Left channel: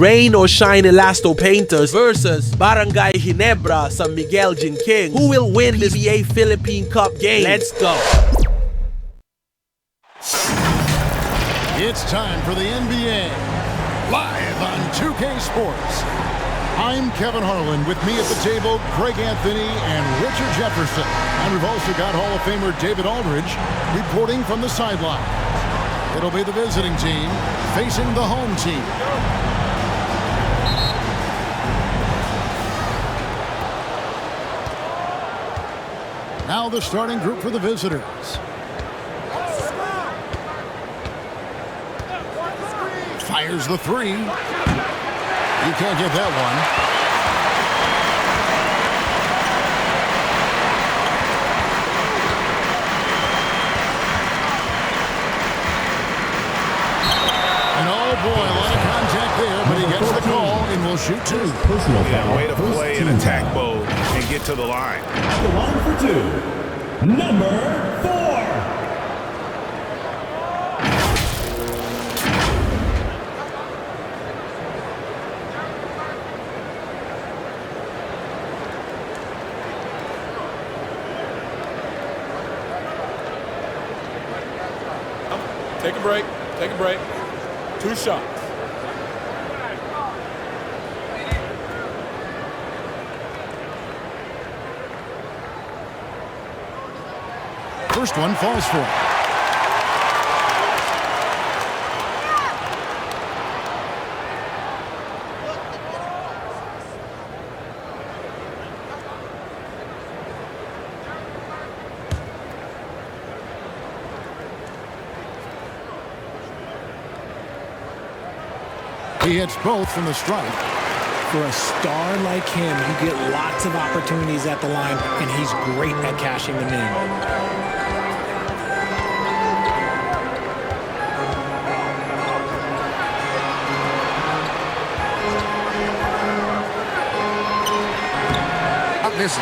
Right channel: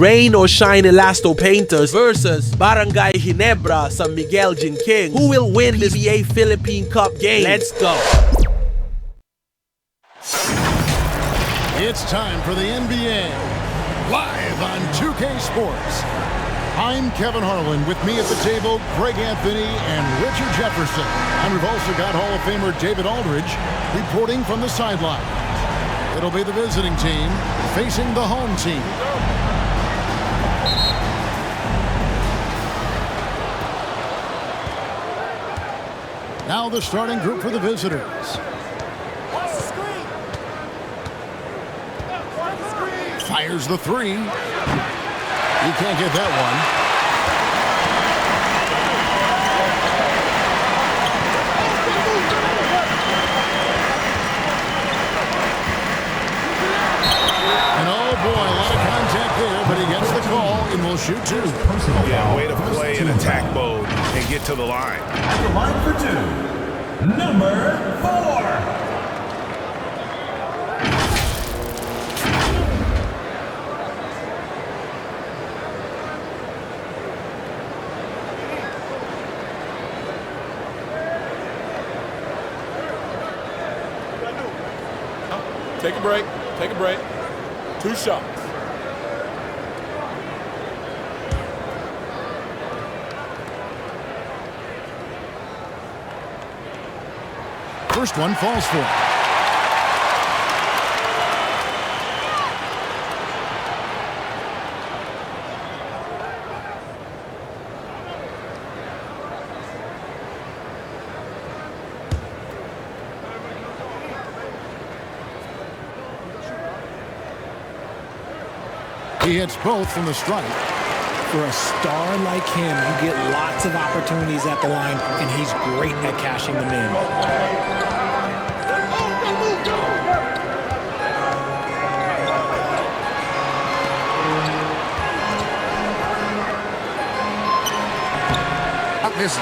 rain or shine Elasto painters versus Barangay Ginebra sa Miguel King. Who will win this PBA Philippine Cup game? Let's go! It's time for the NBA, live on 2K Sports. I'm Kevin Harlan. With me at the table, Greg Anthony and Richard Jefferson. And we've also got Hall of Famer David Aldridge reporting from the sideline. It'll be the visiting team facing the home team. Now the starting group for the visitors. Fires the three. He can't get that one. And oh boy, a lot of contact there, but he gets the call and will shoot two. Yeah, way to play in attack mode and get to the line. At the line for two, number 4. Take a break. Take a break. 2 shots. First one falls for him. He hits both from the stripe. For a star like him, you get lots of opportunities at the line, and he's great at cashing them in. Misses.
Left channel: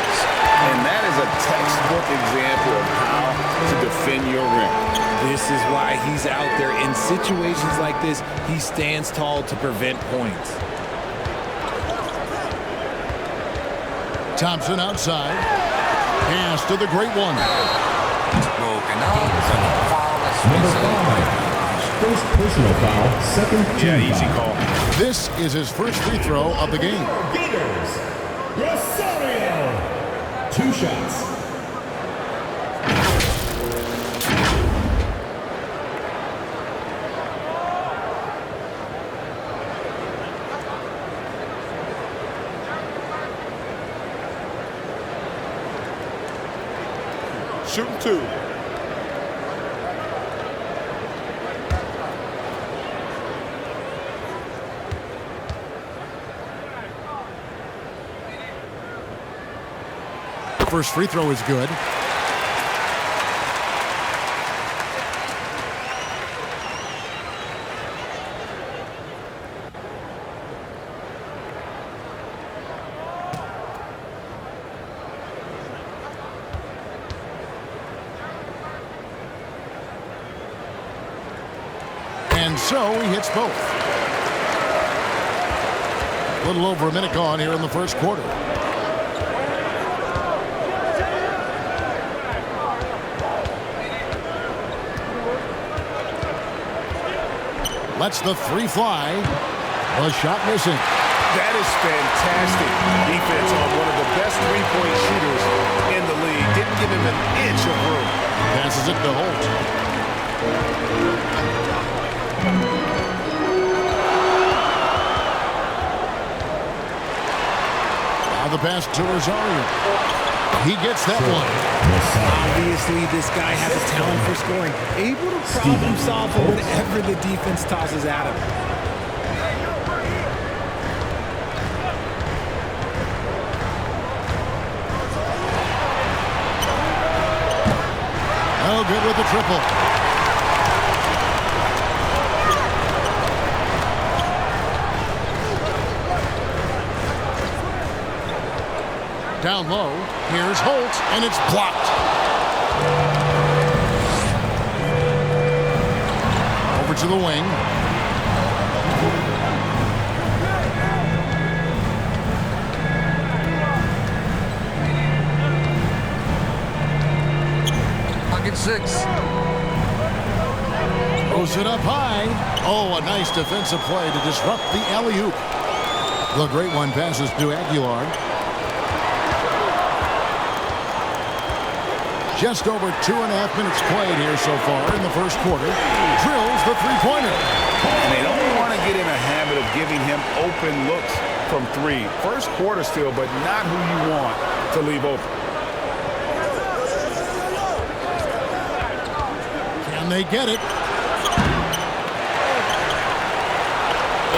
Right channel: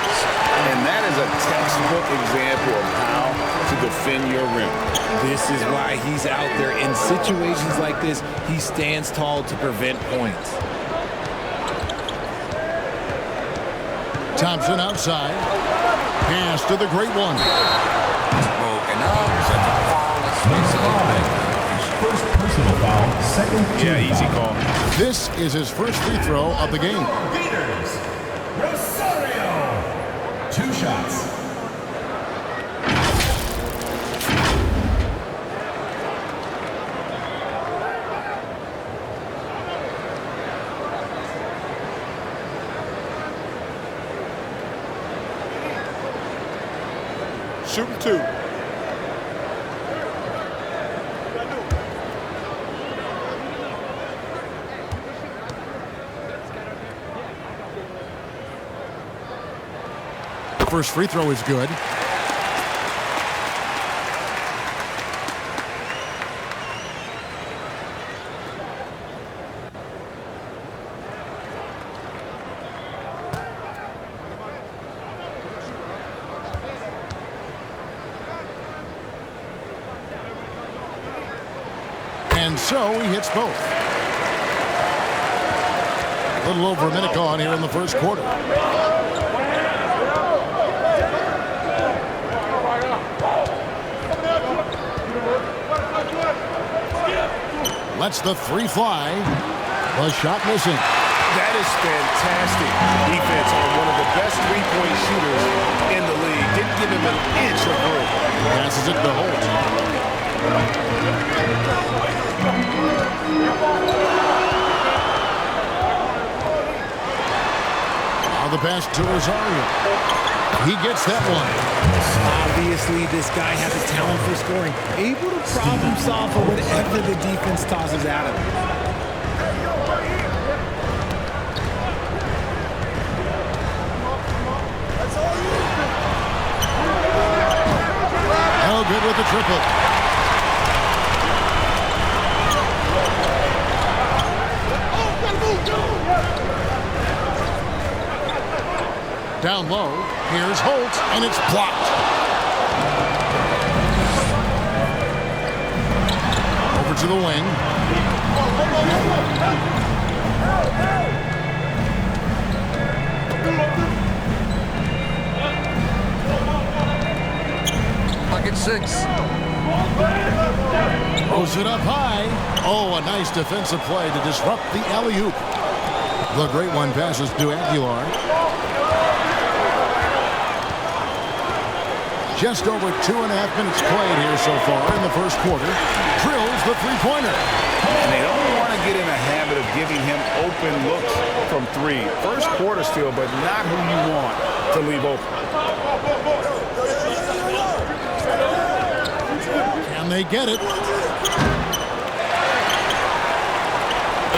And that is a textbook example of how to defend your rim. This is why he's out there. In situations like this, he stands tall to prevent points. Thompson outside. Pass to the great one. Broken up, but the foul is whistled. First personal foul, second team Yeah, easy foul. call. This is his first free throw of the game. Gators, Rosario. 2 shots. Shooting 2. First free throw is good. And so he hits both. A little over a minute gone here in the first quarter. Lets the three fly. The shot missing. That is fantastic defense on one of the best three-point shooters in the league. Didn't give him an inch of room. Passes it to Holt. Now the pass to Rosario. He gets that one. Obviously, this guy has a talent for scoring, able to problem solve for whatever the defense tosses at him. Oh, good with the triple. Down low, here's Holt, and it's blocked. Over to the wing. Pocket 6. Throws it up high. Oh, a nice defensive play to disrupt the alley-oop. The great one passes to Aguilar. Just over 2.5 minutes played here so far in the first quarter. Drills the three-pointer. And they don't want to get in a habit of giving him open looks from three. First quarter still, but not who you want to leave open. Can they get it?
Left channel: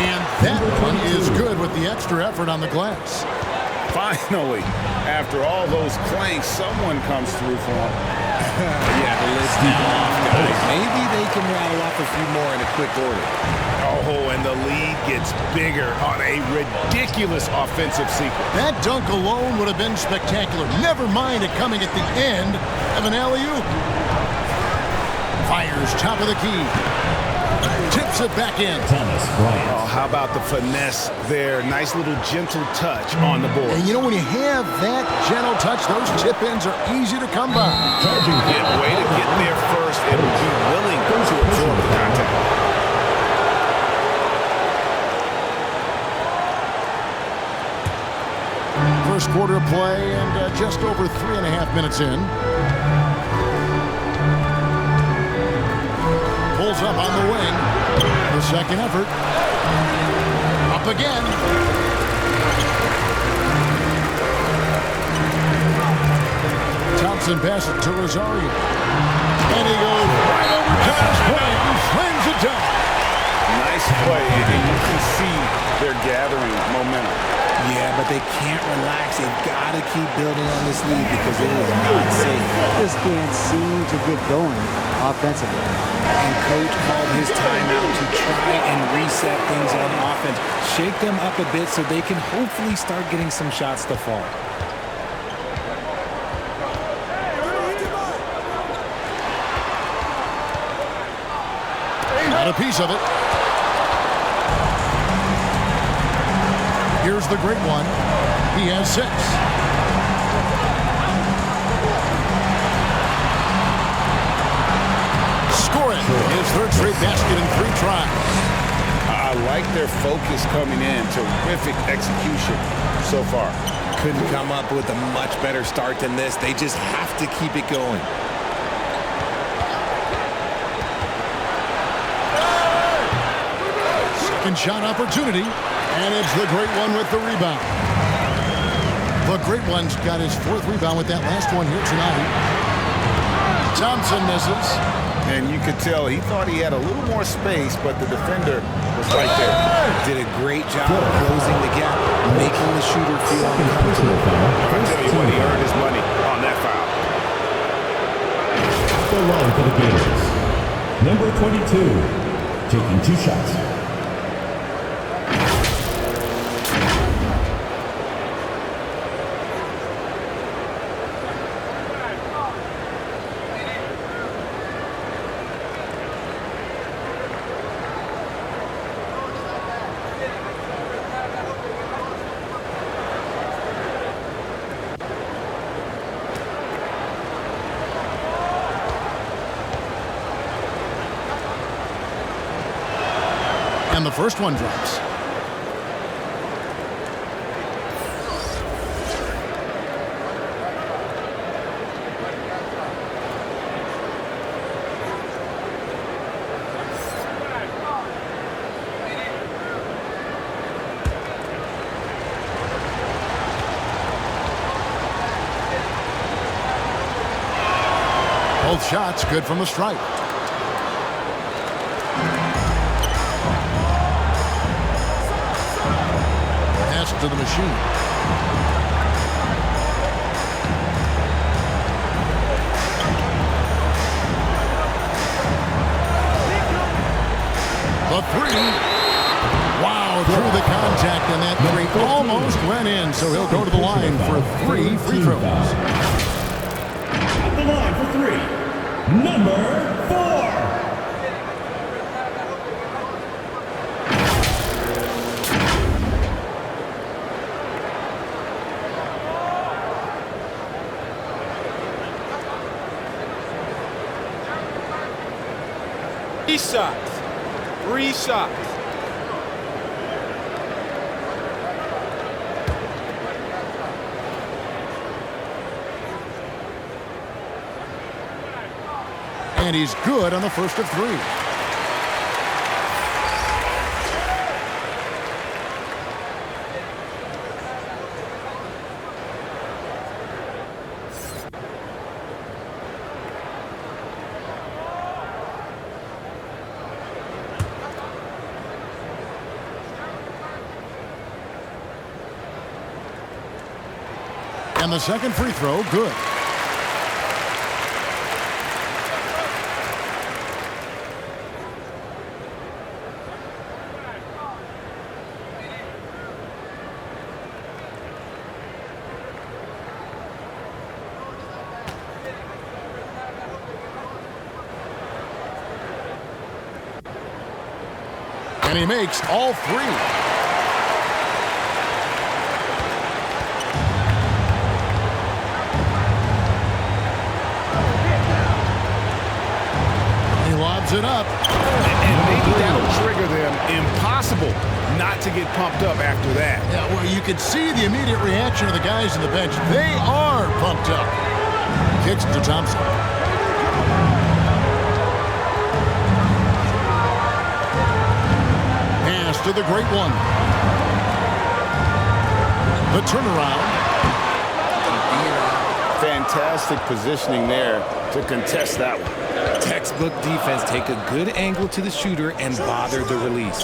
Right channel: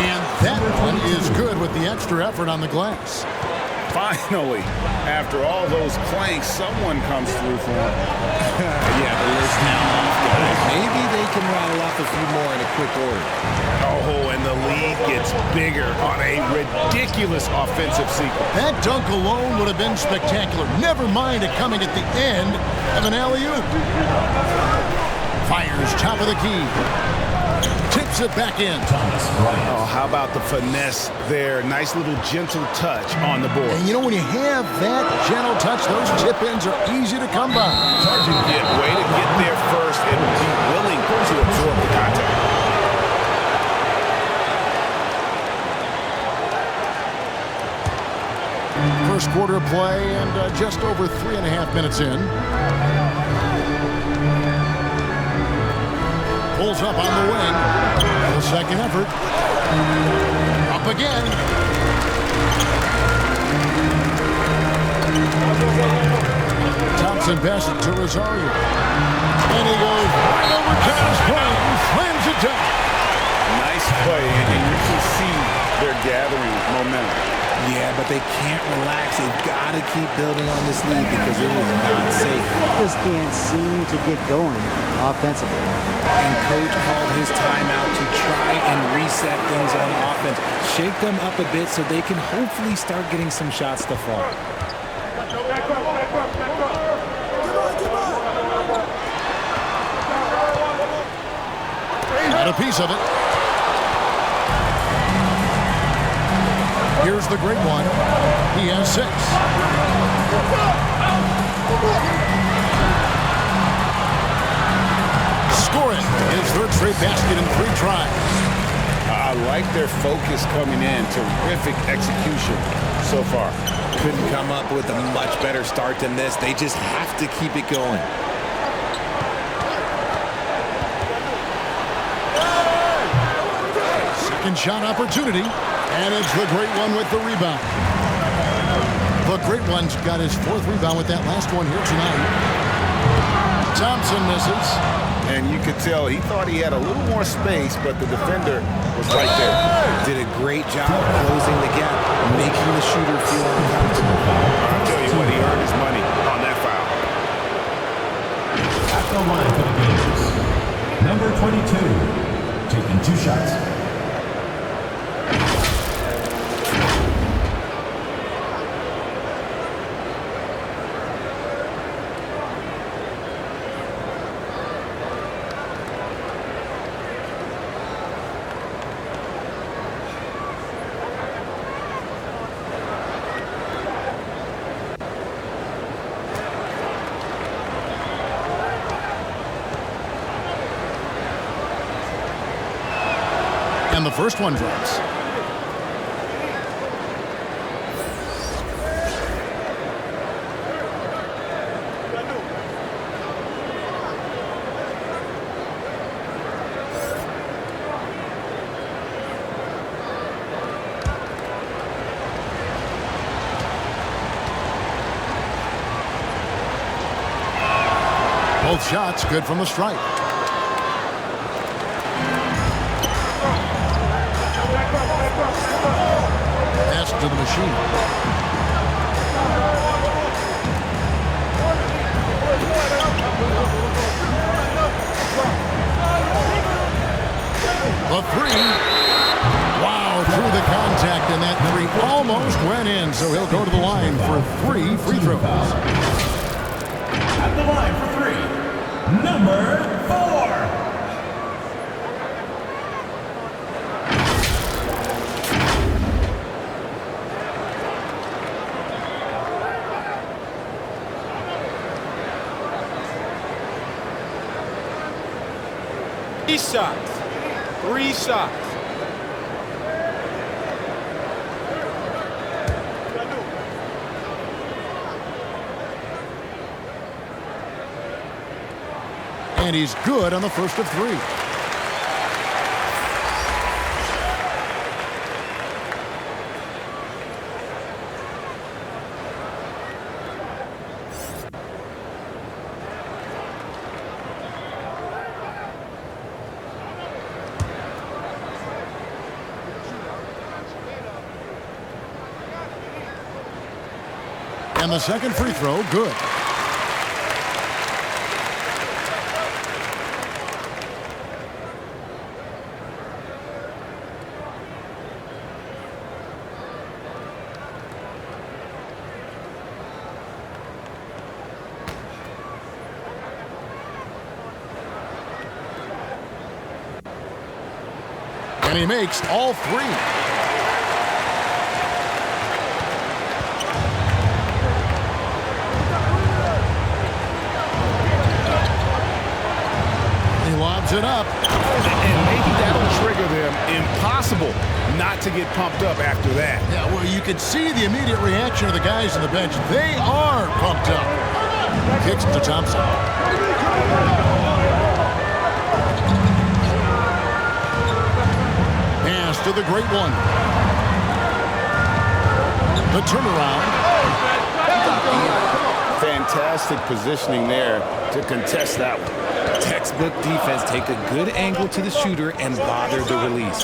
And that one is good with the extra effort on the glass. Finally, after all those clanks, someone comes through for him. Yeah, the lid's now off, guys. Maybe they can rattle off a few more in a quick order. Oh, and the lead gets bigger on a ridiculous offensive sequence. That dunk alone would have been spectacular. Never mind it coming at the end of an alley-oop. Fires top of the key. Tips it back in. Oh, how about the finesse there? Nice little gentle touch on the board. And you know, when you have that gentle touch, those tip-ins are easy to come by. Yeah, way to get there first and be willing to absorb the contact. First quarter of play and just over 3.5 minutes in. Pulls up on the wing. The second effort. Up again. Thompson passes it to Rosario. And he goes right over John's play and slams it down. Nice play, and you can see they're gathering momentum. Yeah, but they can't relax. They've got to keep building on this lead because it is not safe. Just can't seem to get going offensively. And coach called his timeout to try and reset things on offense. Shake them up a bit so they can hopefully start getting some shots to fall. Got a piece of it. Here's the great one. He has 6. Score it. His third straight basket in 3 tries. I like their focus coming in. Terrific execution so far. Couldn't come up with a much better start than this. They just have to keep it going. Second shot opportunity. And it's the great one with the rebound. The great one's got his 4th rebound with that last one here tonight. Thompson misses. And you could tell he thought he had a little more space, but the defender was right there. Did a great job closing the gap, making the shooter feel uncomfortable. I'll tell you what, he earned his money on that foul. At the line for the Gators, number 22, taking 2 shots. And the first one drops. Both shots good from the stripe. Pass to the machine. The 3. Wow, through the contact, and that 3 almost went in, so he'll go to the line for 3 free throws. At the line for 3, number 4. 3 shots. 3 shots. And he's good on the first of 3. And the second free throw, good. And he makes all 3. He lobs it up. And maybe that'll trigger them. Impossible not to get pumped up after that. Yeah, well, you can see the immediate reaction of the guys on the bench. They are pumped up. Kicks to Thompson. Pass to the great one. The turnaround. Fantastic positioning there to contest that one. Textbook defense. Take a good angle to the shooter and bother the release.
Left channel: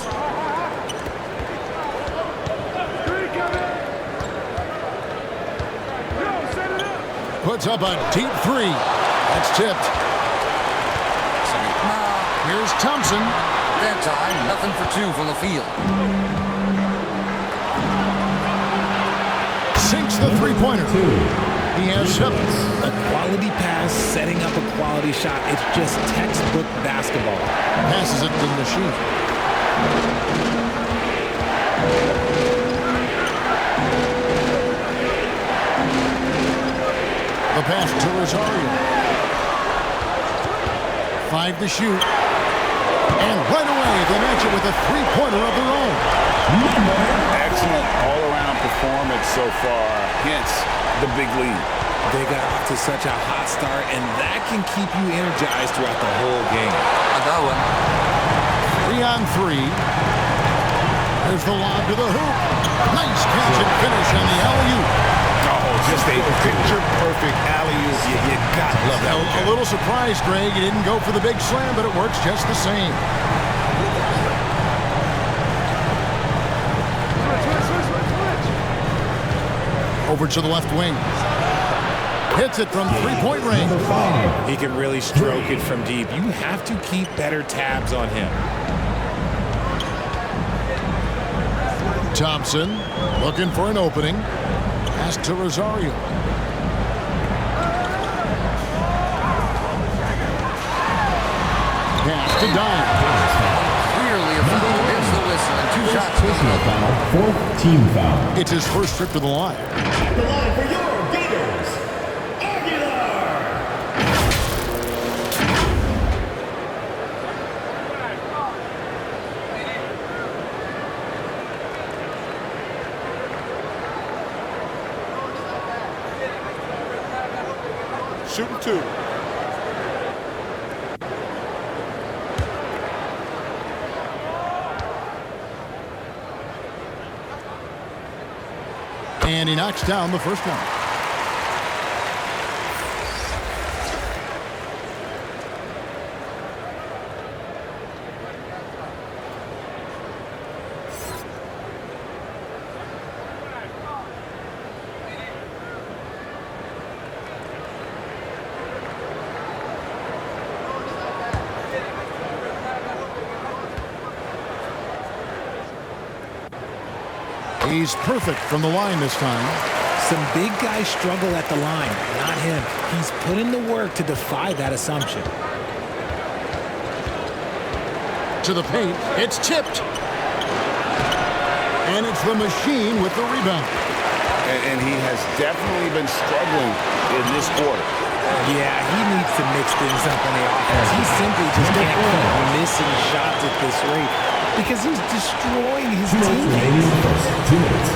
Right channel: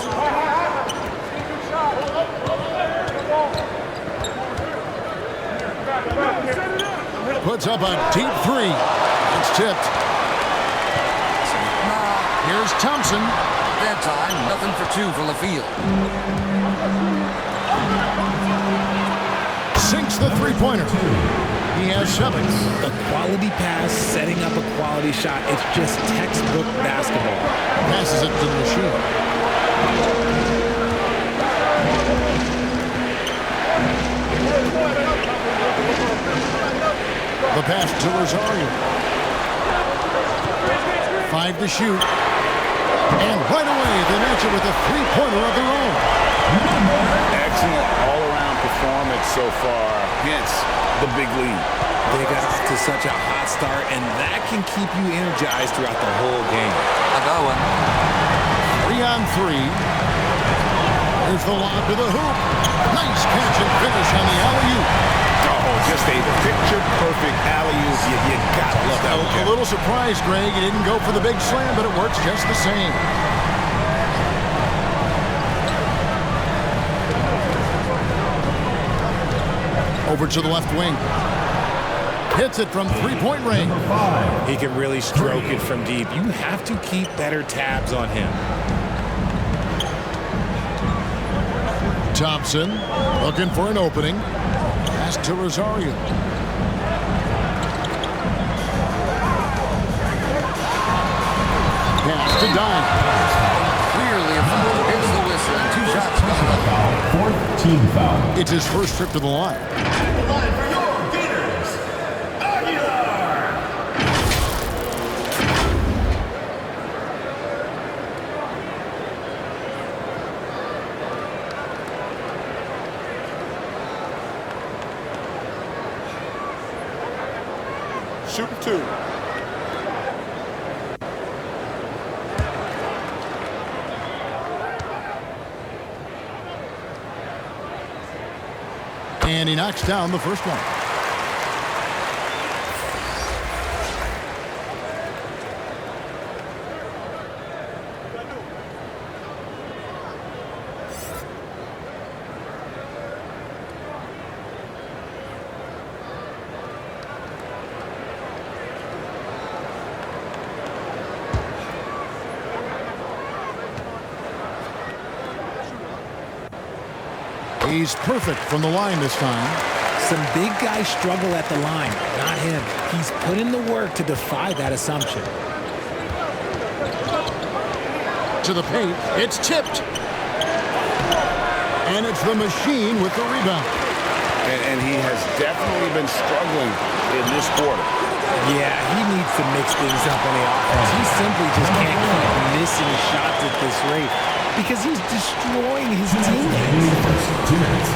Puts up a deep 3. That's tipped. Here's Thompson. That time, nothing for 2 from the field. Sinks the three-pointer. He has 7. A quality pass, setting up a quality shot. It's just textbook basketball. Passes it to the machine. The pass to Rosario. 5 to shoot. And right away, they match it with a three-pointer of their own. Excellent all-around performance so far, hence the big lead. They got off to such a hot start, and that can keep you energized throughout the whole game. A good one. 3 on 3. There's the lob to the hoop. Nice catch and finish on the alley-oop. Oh, just a picture-perfect alley-oop. You gotta love that one, A little surprised, Greg. He didn't go for the big slam, but it works just the same. Over to the left wing. Hits it from three-point range. He can really stroke it from deep. You have to keep better tabs on him. Thompson looking for an opening. Pass to Rosario. Pass to Dime. Clearly a foul. Hits the whistle and 2 shots coming up. Foul, 4th team foul. It's his first trip to the line. At the line for your Gators, Aguilar. Shooting 2. And he knocks down the first one. He's perfect from the line this time. Some big guys struggle at the line, not him. He's put in the work to defy that assumption. To the paint, it's tipped. And it's the machine with the rebound. And he has definitely been struggling in this quarter. Yeah, he needs to mix things up on the offense. He simply just can't keep missing shots at this rate because he's destroying his teammates. 2 minutes.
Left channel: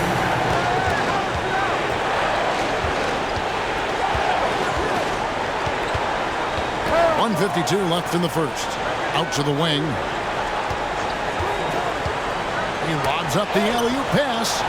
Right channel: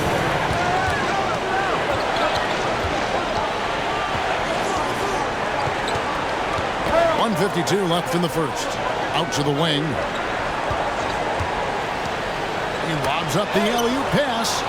.152 left in the first. Out to the wing. He lobs up the alley-oop pass.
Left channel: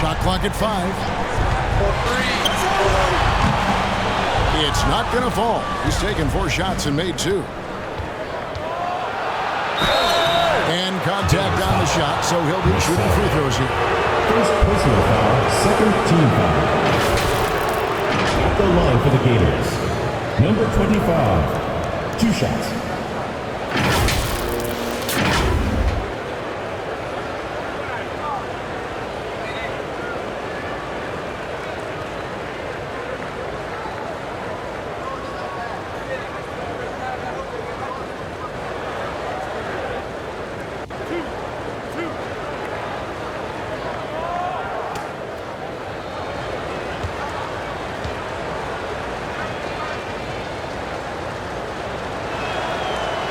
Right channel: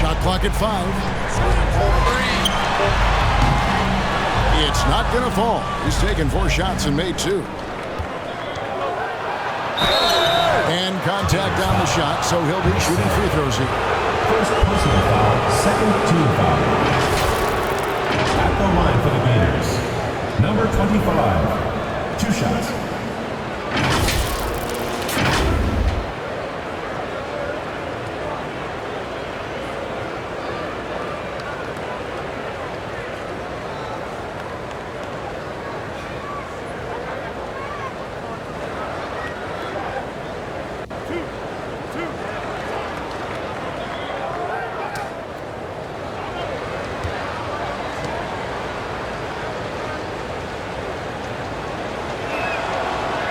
Shot clock at 5. It's not going to fall. He's taken 4 shots and made 2. And contact on the shot, so he'll be shooting free throws here. First personal foul, second team foul. At the line for the Gators, number 25, 2 shots.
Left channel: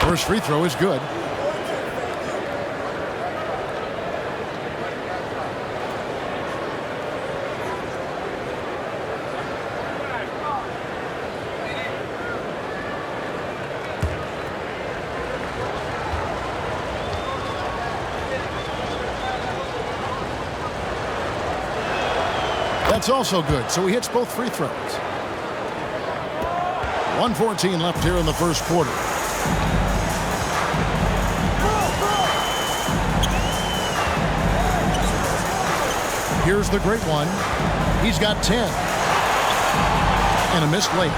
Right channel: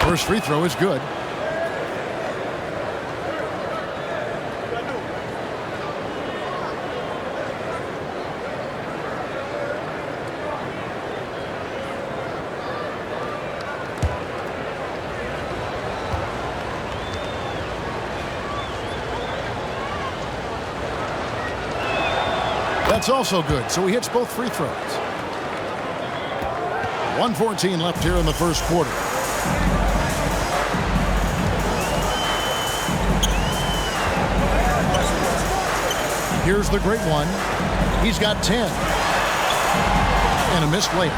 First free throw is good. That's also good, so he hits both free throws. 1:14 left here in the first quarter. Here's the great one. He's got 10. And a missed layup.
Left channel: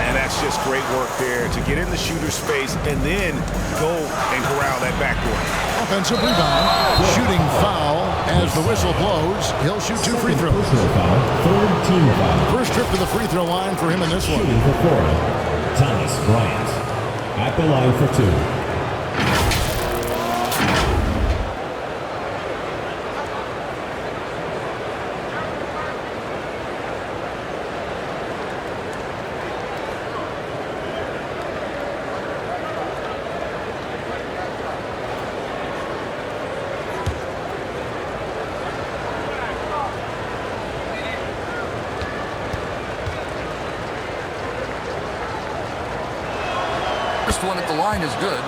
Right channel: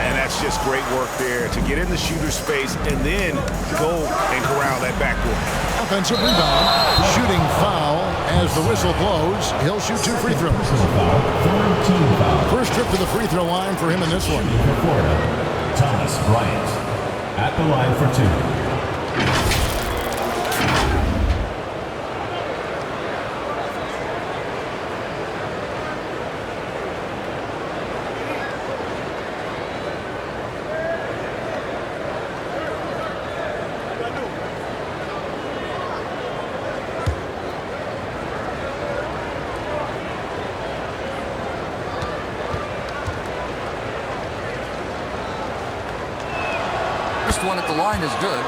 And that's just great work there to get in the shooter's space and then go and corral that backboard. Offensive rebound. Shooting foul as the whistle blows. He'll shoot 2 free throws. Personal foul, third team foul. First trip to the free throw line for him in this one. Shooting for Florida, Thomas Bryant. At the line for 2. First one at the line is good.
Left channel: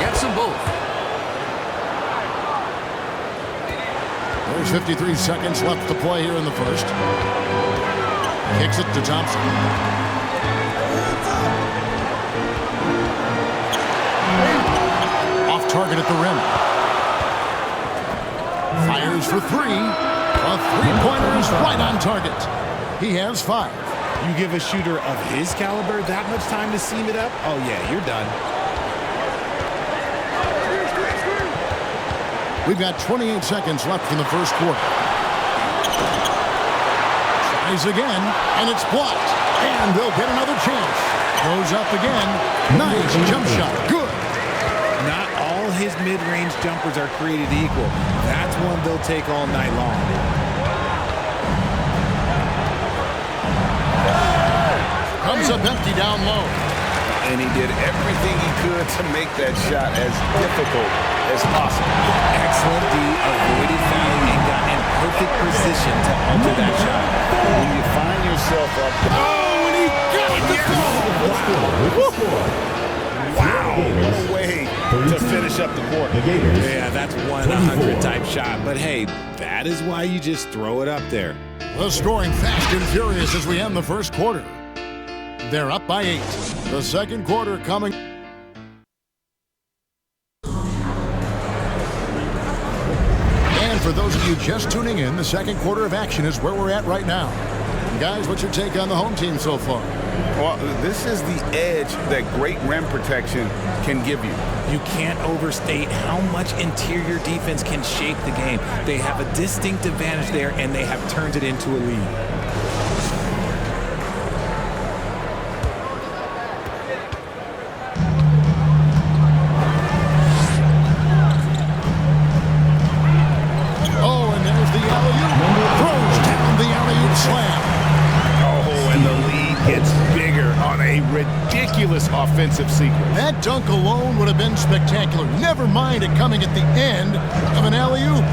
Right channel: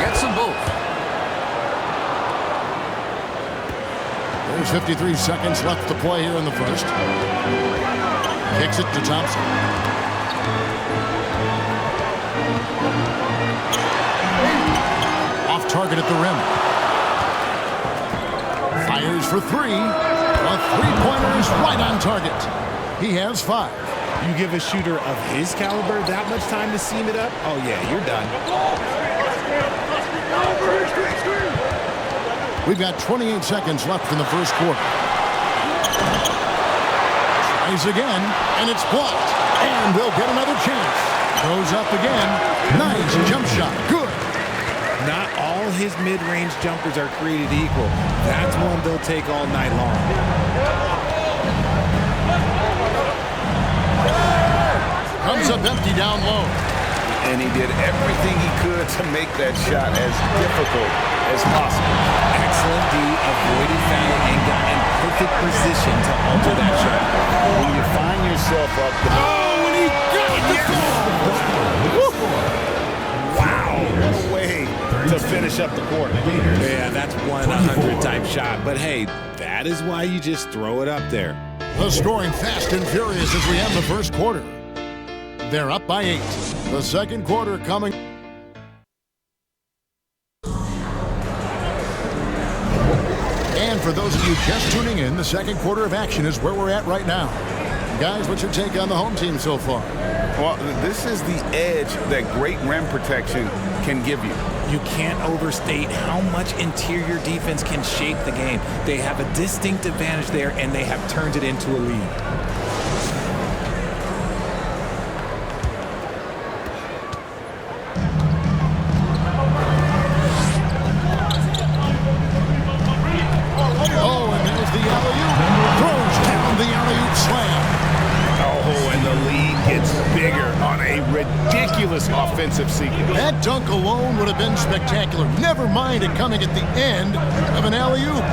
Gets them both. There's 53 seconds left to play here in the first. Kicks it to Thompson. Off target at the rim. Fires for 3. A three-pointer is right on target. He has 5. You give a shooter of his caliber that much time to seam it up? Oh, yeah, you're done. We've got 28 seconds left in the first quarter. Tries again, and it's blocked. And they'll get another chance. Goes up again. Nice jump shot. Good. Not all his mid-range jumpers are created equal. That's one they'll take all night long. Comes up empty down low. And he did everything he could to make that shot as difficult as possible. Excellent D, avoided fouling and got in perfect position to alter that shot. When you find yourself up there. Oh, and he got the Wow. Wow, what a way to finish up the quarter. Yeah, that's 1-100 type shot. But hey, that is why you just throw it up there. The scoring fast and furious as we end the first quarter. They're up by 8. The second quarter coming. for those of you just tuning in, the second quarter of action is where we're at right now. Guys, what's your take on the home team so far? Well, this is the edge that great rim protection can give you. You can't overstate how much interior defense can shape the game. They have a distinct advantage there, and they have turned it into a lead. Oh, and there's the alley-oop. Throws down the alley-oop slam. Oh, and the lead gets bigger on a ridiculous offensive sequence. That dunk alone would have been spectacular. Never mind it coming at the end of an alley-oop.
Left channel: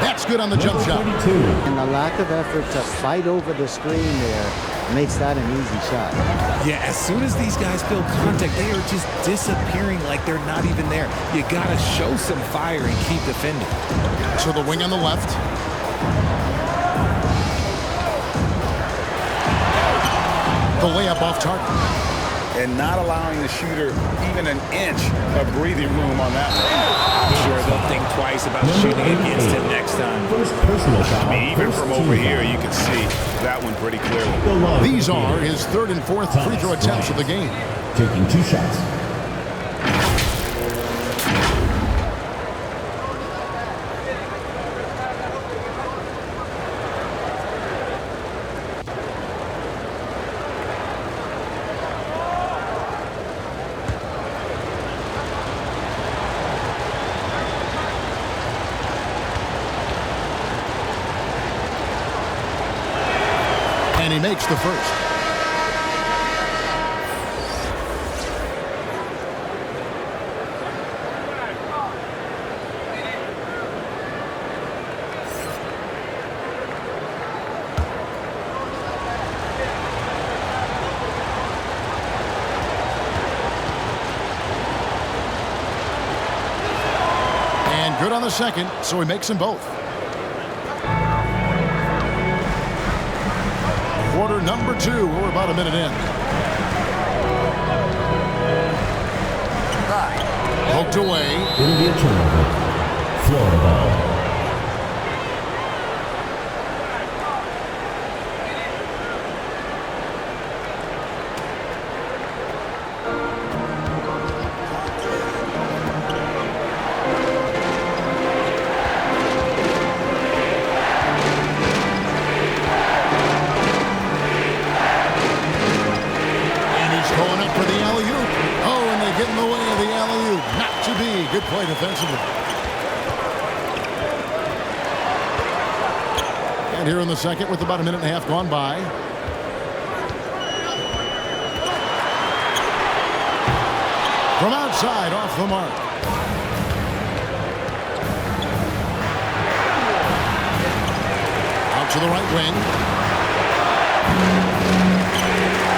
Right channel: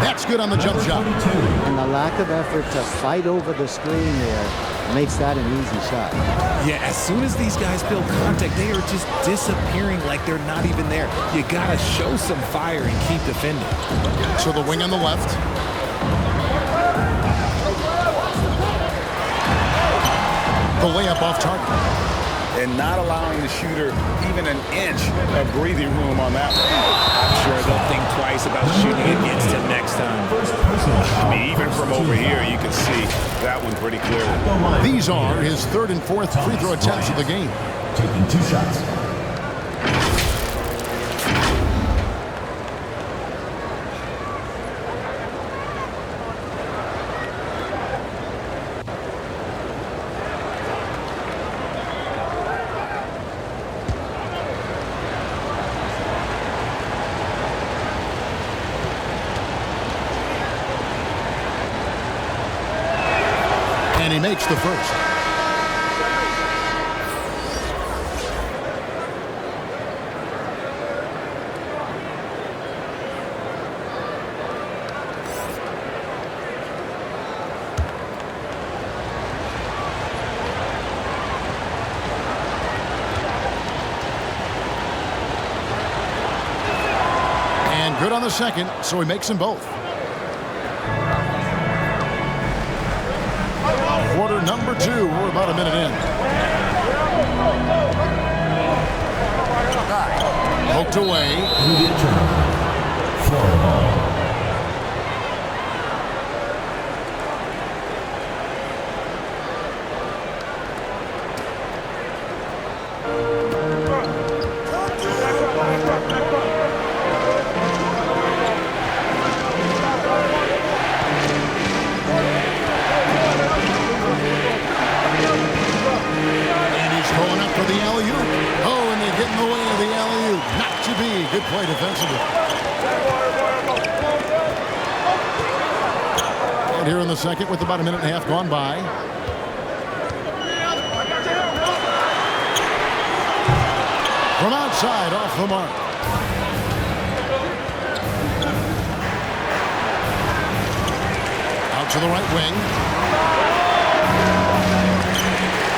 That's good on the jump shot. And the lack of effort to fight over the screen there makes that an easy shot. Yeah, as soon as these guys feel contact, they are just disappearing like they're not even there. You gotta show some fire and keep defending. So the wing on the left. The layup off target. And not allowing the shooter even an inch of breathing room on that one. I'm sure they'll think twice about shooting against him next time. First personal foul. I mean, even from over here, you can see that one pretty clearly. These are his third and fourth free throw attempts of the game. Taking 2 shots. And he makes the first. And good on the second, so he makes them both. Quarter number 2. We're about a minute in. Poked away. It'll be a turnover. Florida ball. Going up for the alley-oop. Oh, and they get in the way of the alley-oop. Not to be. Good play defensively. And here in the second with about a minute and a half gone by. From outside, off the mark. Out to the right wing.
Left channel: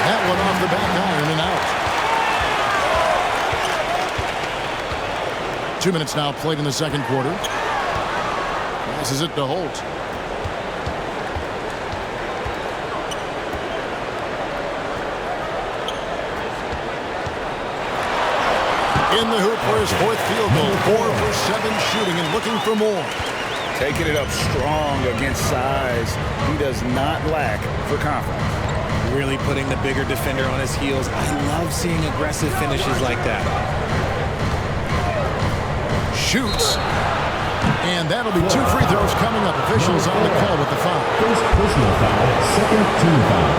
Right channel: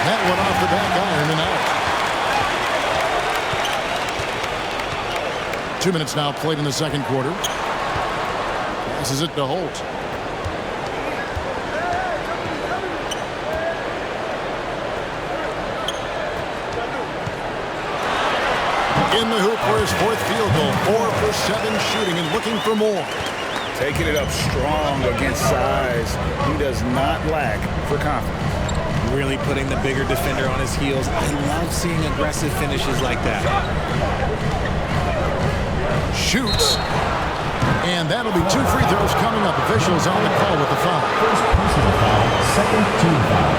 That one off the back iron and out. 2 minutes now played in the second quarter. Passes it to Holt. In the hoop for his fourth field goal. 4 for 7 shooting and looking for more. Taking it up strong against size. He does not lack for confidence. Really putting the bigger defender on his heels. I love seeing aggressive finishes like that. Shoots. And that'll be 2 free throws coming up. Officials on the call with the foul. First personal foul, second team foul.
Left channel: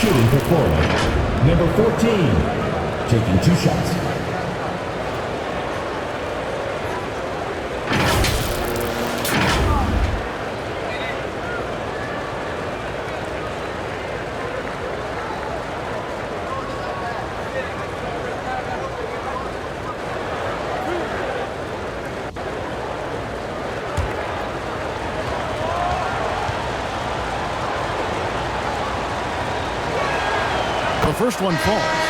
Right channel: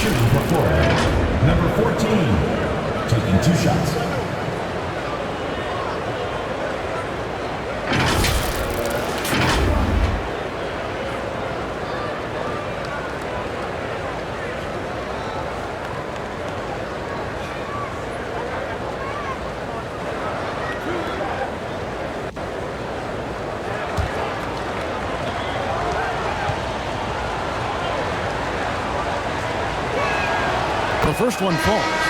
Shooting for Florida, number 14, taking 2 shots. The first one falls.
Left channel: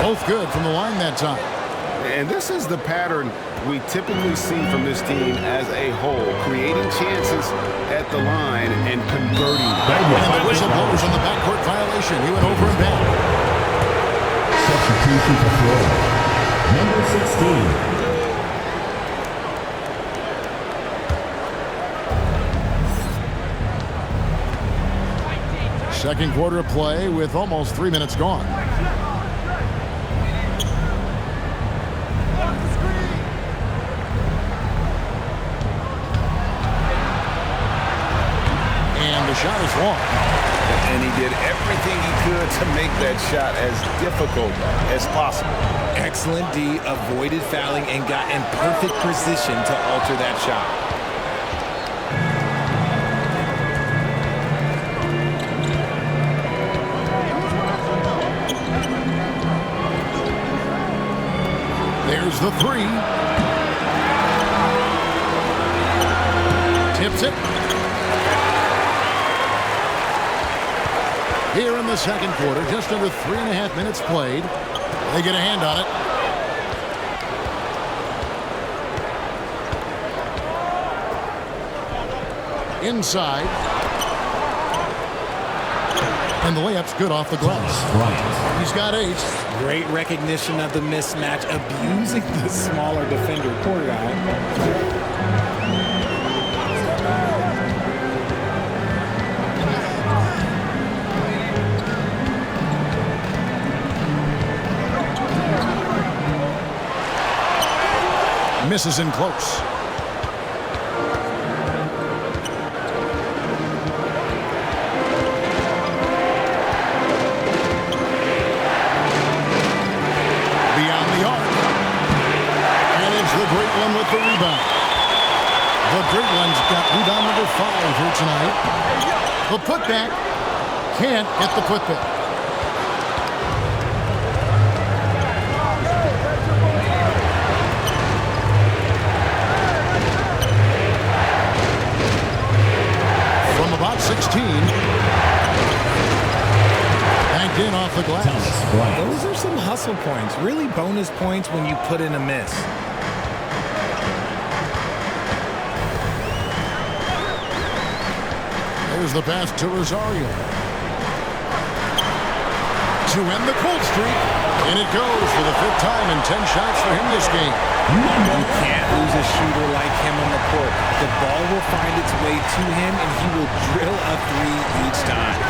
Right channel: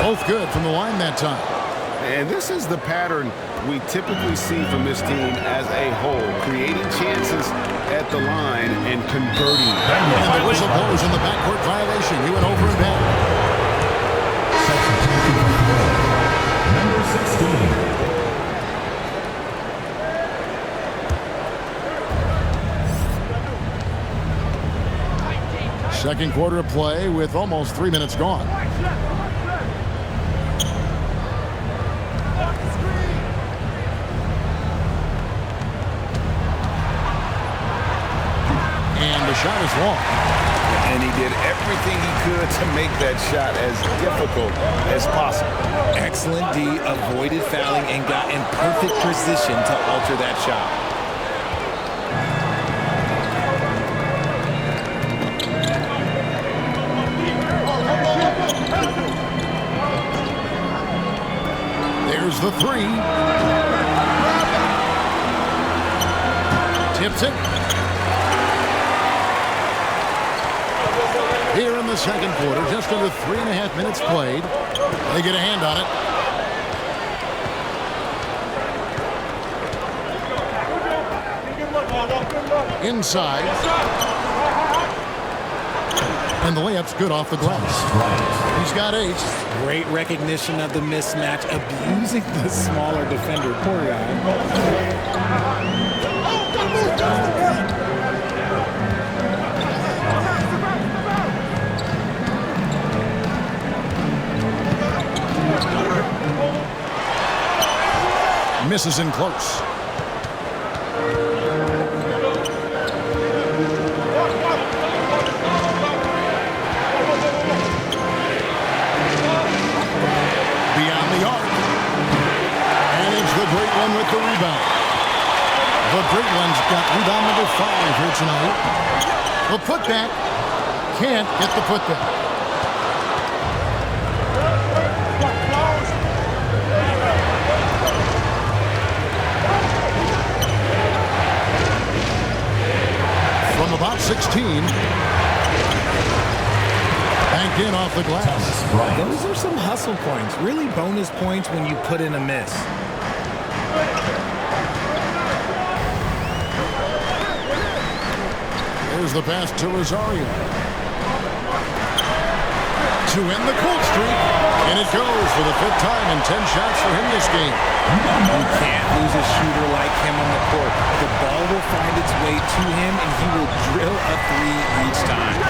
Both good from the line that time. And this is the pattern we typically see from this team as a whole, creating chances at the line and converting. And the whistle blows on the backcourt violation. He went over and back. Substitution for Florida. Number 16. Second quarter of play with almost 3 minutes gone. And the shot is long. And he did everything he could to make that shot as difficult as possible. Excellent D, avoided fouling and got in perfect position to alter that shot. There's the three. Tips it. Here in the second quarter, just under 3.5 minutes played. They get a hand on it. Inside. And the layup's good off the glass. Right. He's got 8. Great recognition of the mismatch, abusing the smaller defender. Poor guy. Misses in close. Beyond the arc. And it's the great one with the rebound. The great one's got rebound number 5 here tonight. The putback. Can't get the putback. From about 16. Banked in off the glass. Those are some hustle points. Really bonus points when you put in a miss. There's the pass to Rosario. To end the cold streak. And it goes for the 5th time in 10 shots for him this game. You can't lose a shooter like him on the court. The ball will find its way to him, and he will drill a 3 each time.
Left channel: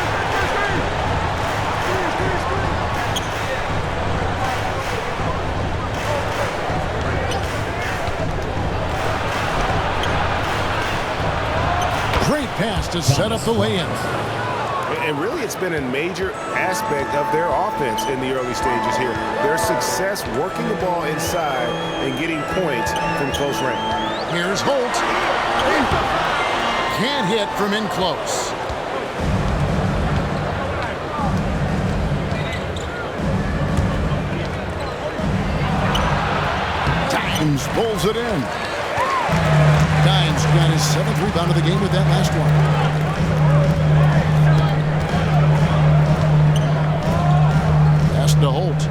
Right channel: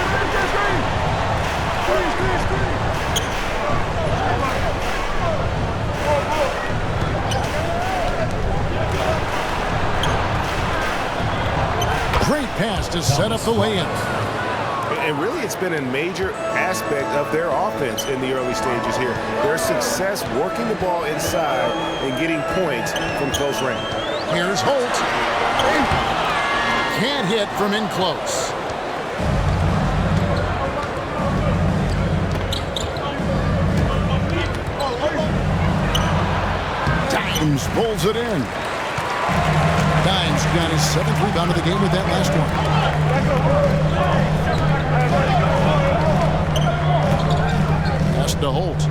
Great pass to set up the lay-in. And really, it's been a major aspect of their offense in the early stages here. Their success working the ball inside and getting points from close range. Here's Holt. Can't hit from in close. Dimes pulls it in. Dimes got his 7th rebound of the game with that last one. Pass to Holt.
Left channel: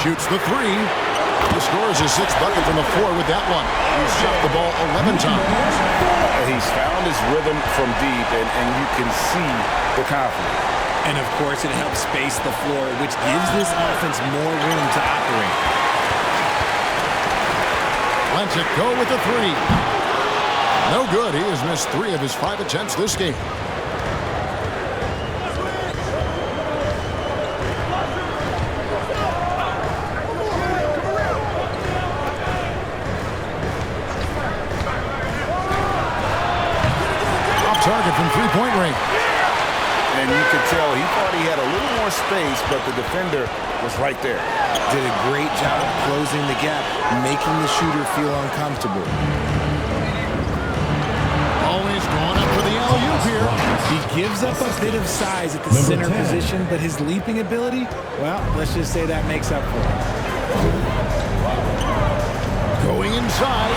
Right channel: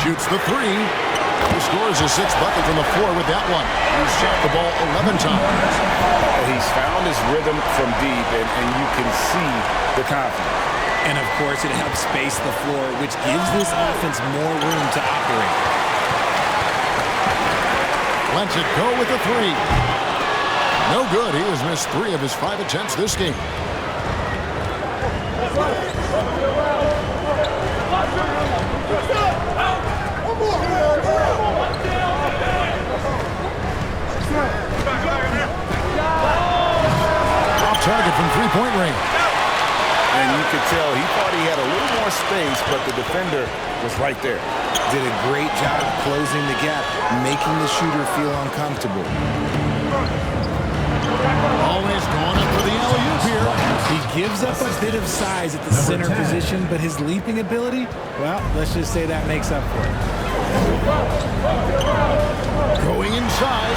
Shoots the 3. He scores his 6th bucket from the floor with that one. He's shot the ball 11 times. He's found his rhythm from deep, and you can see the confidence. And, of course, it helps space the floor, which gives this offense more room to operate. Lets it go with the 3. No good. He has missed 3 of his 5 attempts this game. Off target from 3-point range. And you could tell he thought he had a little more space, but the defender was right there. Did a great job closing the gap, making the shooter feel uncomfortable. Always going up for the alley-oop here. He gives up a bit of size at the center position, but his leaping ability, well, let's just say that makes up for it. Going inside.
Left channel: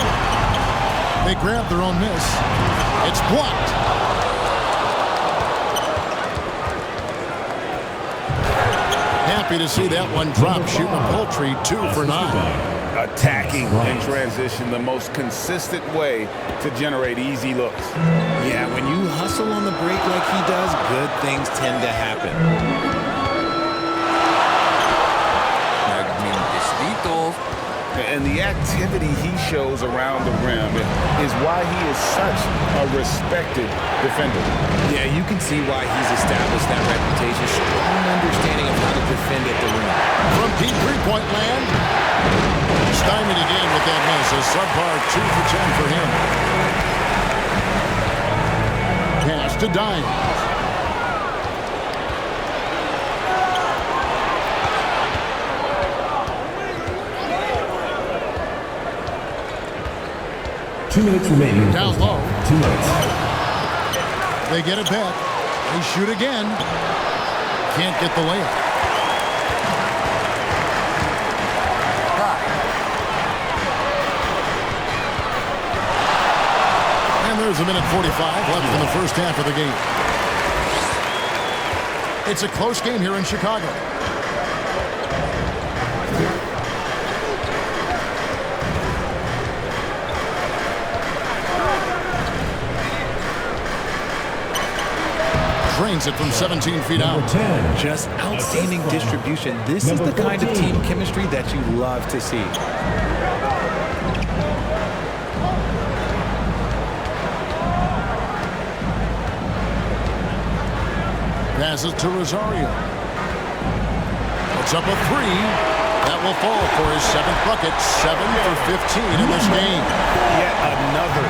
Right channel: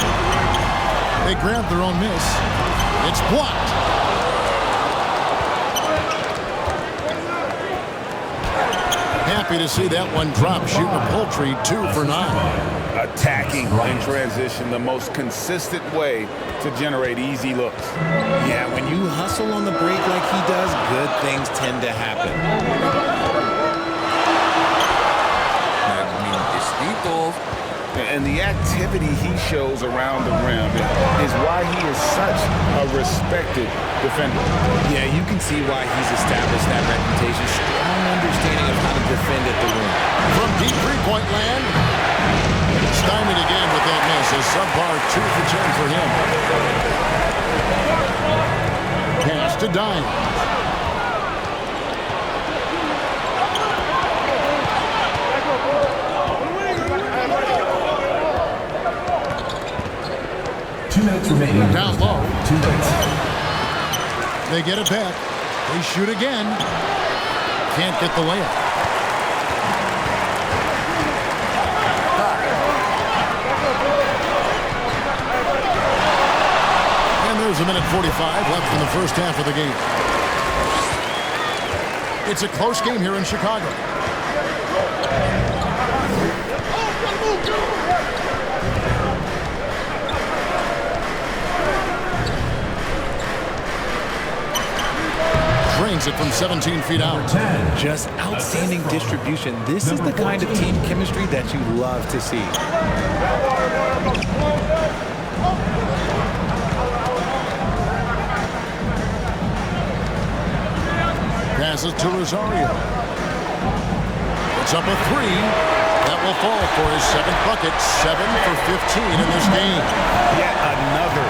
They grab their own miss. It's blocked. Happy to see that one drop, shooting a paltry 2 for 9. Attacking in transition, the most consistent way to generate easy looks. Yeah, when you hustle on the break like he does, good things tend to happen. And the activity he shows around the rim is why he is such a respected defender. Yeah, you can see why he's established that reputation. Strong understanding of how to defend at the rim. From deep three-point land, stymied again with that miss. A subpar 2 for 10 for him. Pass to Dines. 2 minutes remaining. Down low. 2 minutes. They get it back. They shoot again. Can't get the layup. And there's a minute 45 left in the first half of the game. It's a close game here in Chicago. Drains it from 17 feet out. 10. Just outstanding distribution. This is the kind of team chemistry that you love to see. Passes to Rosario. Puts up a 3. That will fall for his 7th bucket. 7 for 15 in this game. Yet another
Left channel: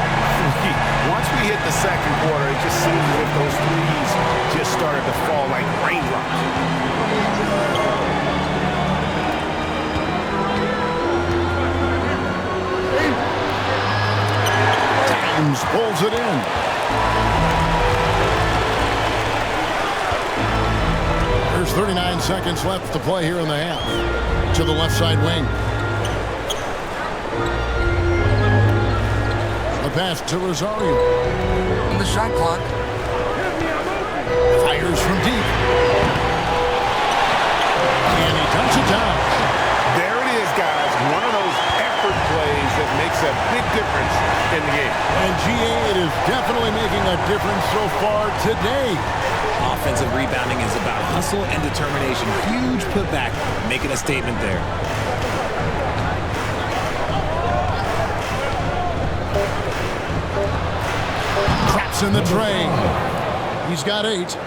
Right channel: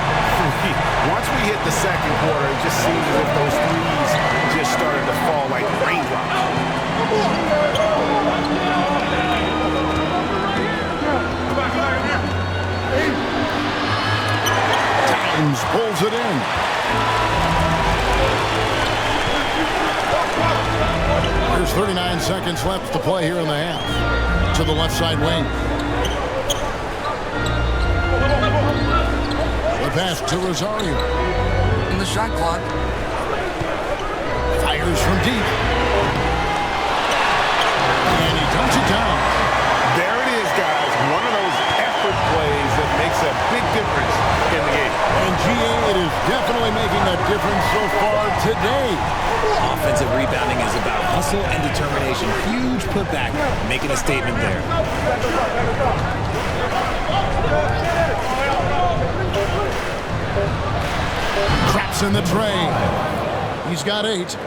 3. Once we hit the second quarter, it just seems as if those threes just started to fall like raindrops. Dimes pulls it in. There's 39 seconds left to play here in the half. To the left side wing. The pass to Rosario. In the shot clock. Fires from deep. And he dumps it down. There it is, guys. One of those effort plays that makes a big difference in the game. And GA, it is definitely making a difference so far today. Offensive rebounding is about hustle and determination. Huge putback, making a statement there. Traps in the tray. He's got 8.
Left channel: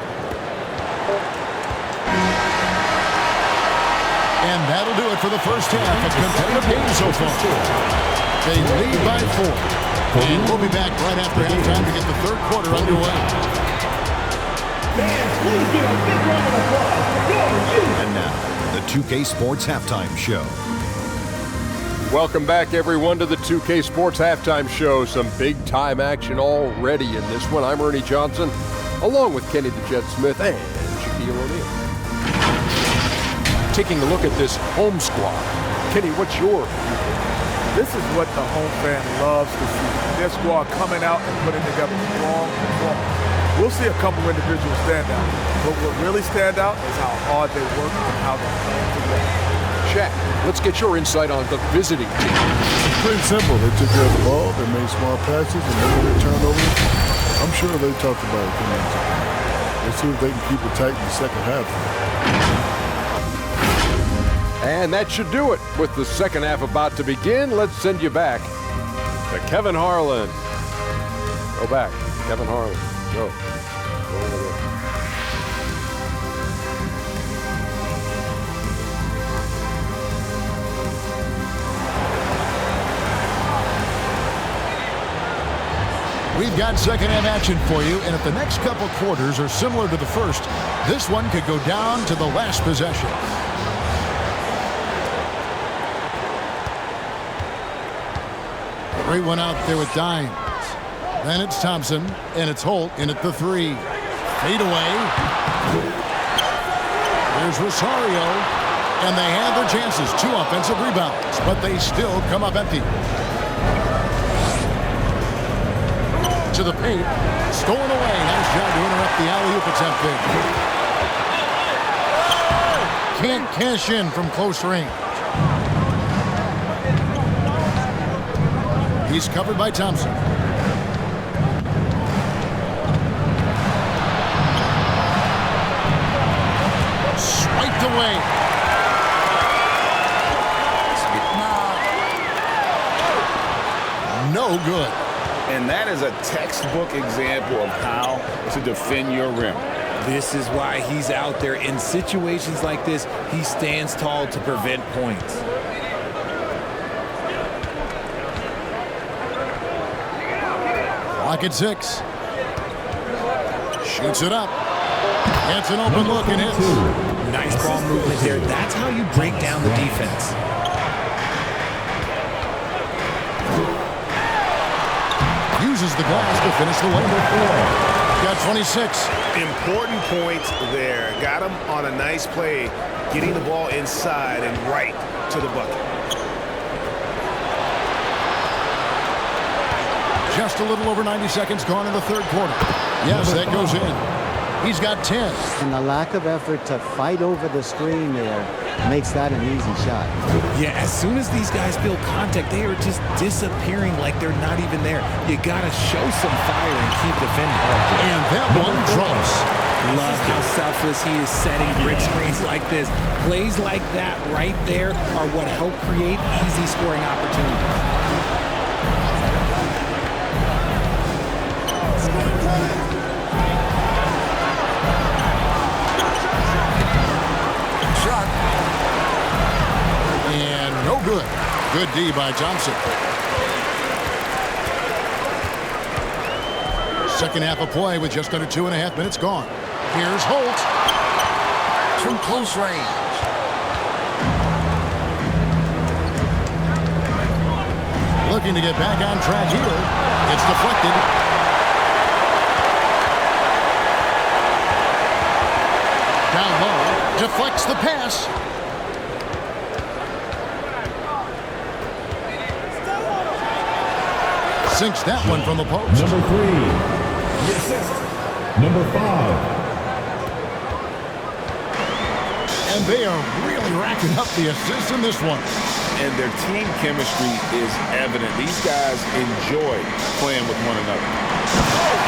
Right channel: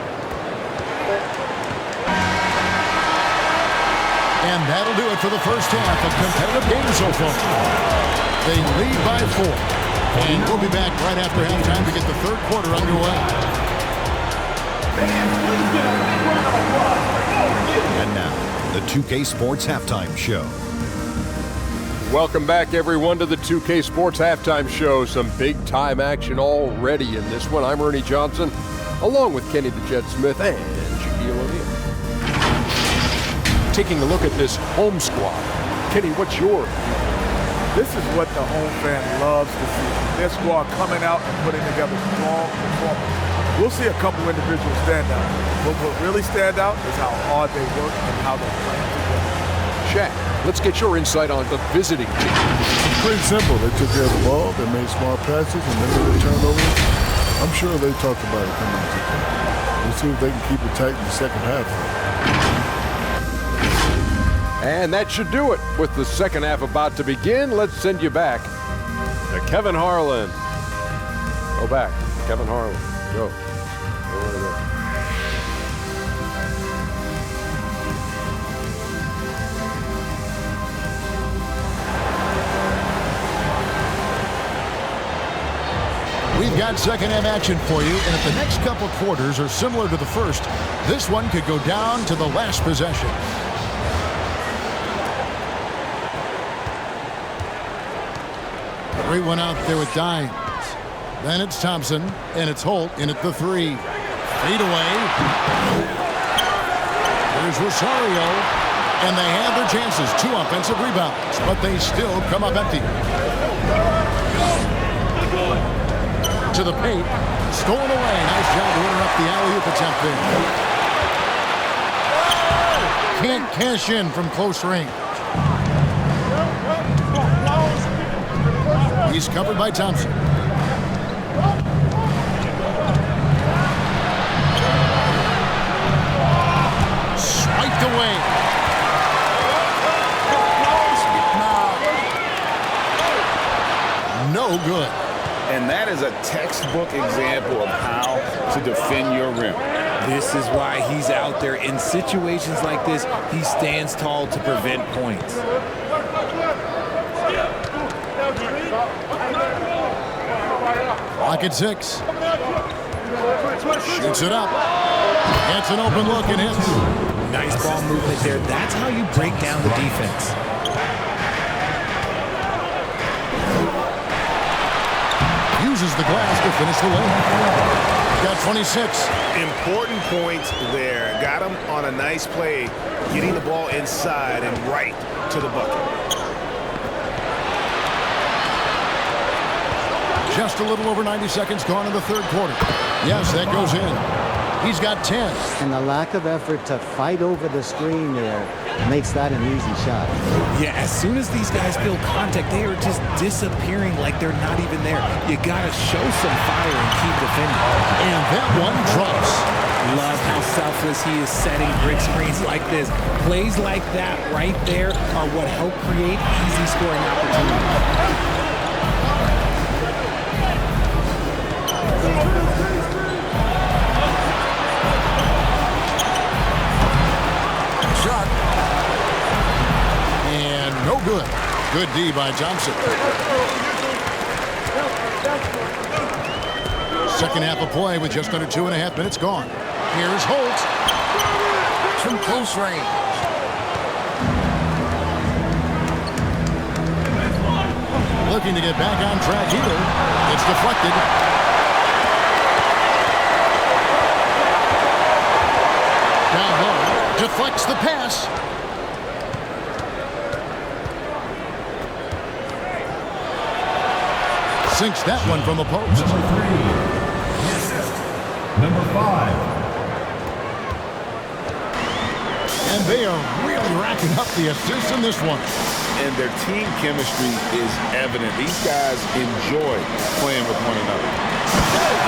And that'll do it for the first half. A competitive game so far. They lead by 4. And we'll be back right after halftime to get the third quarter underway. Fans, please give a big round of applause. And now, the 2K Sports Halftime Show. Welcome back, everyone, to the 2K Sports Halftime Show. Some big-time action already in this one. I'm Ernie Johnson, along with Kenny the Jet Smith and Shaquille O'Neal. Taking a look at this home squad. Kenny, what's your viewpoint? This is what the home fan loves to see. Their squad coming out and putting together strong performance. We'll see a couple individual standouts, but what really stand out is how hard they work and how they plan together. Shaq, let's get your insight on the visiting team. It's pretty simple. They took care of the ball, they made smart passes, and then when they turned over, I'm sure they talked about it coming into the game. Let's see if they can keep it tight in the second half. And that should do it. With the second half about to begin, let's send you back to Kevin Harlan. Go back to Kevin Harlan. Go over there. We've got second half action for you, and if the next couple quarters are similar to the first, this one could go down to the last possession. Great one out there with Dines. Then it's Thompson, and it's Holt in at the 3. Fade away. There's Rosario, and they have their chances. 2 offensive rebounds, but they still come up empty. To the paint, stolen away. Nice job to interrupt the alley-oop attempt there. Can't cash in from close range. He's covered by Thompson. Swiped away. No good. And that is a textbook example of how to defend your rim. This is why he's out there. In situations like this, he stands tall to prevent points. Clock at 6. Shoots it up. Gets an open look and hits. Nice ball movement there. That's how you break down the defense. Uses the glass to finish the layup. He's got 26. Important points there. Got him on a nice play, getting the ball inside and right to the bucket. Just a little over 90 seconds gone in the third quarter. Yes, that goes in. He's got 10. And the lack of effort to fight over the screen there makes that an easy shot. Yeah, as soon as these guys feel contact, they are just disappearing like they're not even there. You got to show some fire and keep defending. And that one drops. Love how selfless he is setting brick screens like this. Plays like that right there are what help create easy scoring opportunities. Shot. And no good. Good D by Johnson. Second half of play with just under 2.5 minutes gone. Here's Holt. From close range. Looking to get back on track here. It's deflected. Down low. Deflects the pass. Sinks that one from the post. Number 3. The assist. Number 5. And they are really racking up the assists in this one. And their team chemistry is evident. These guys enjoy playing with one another.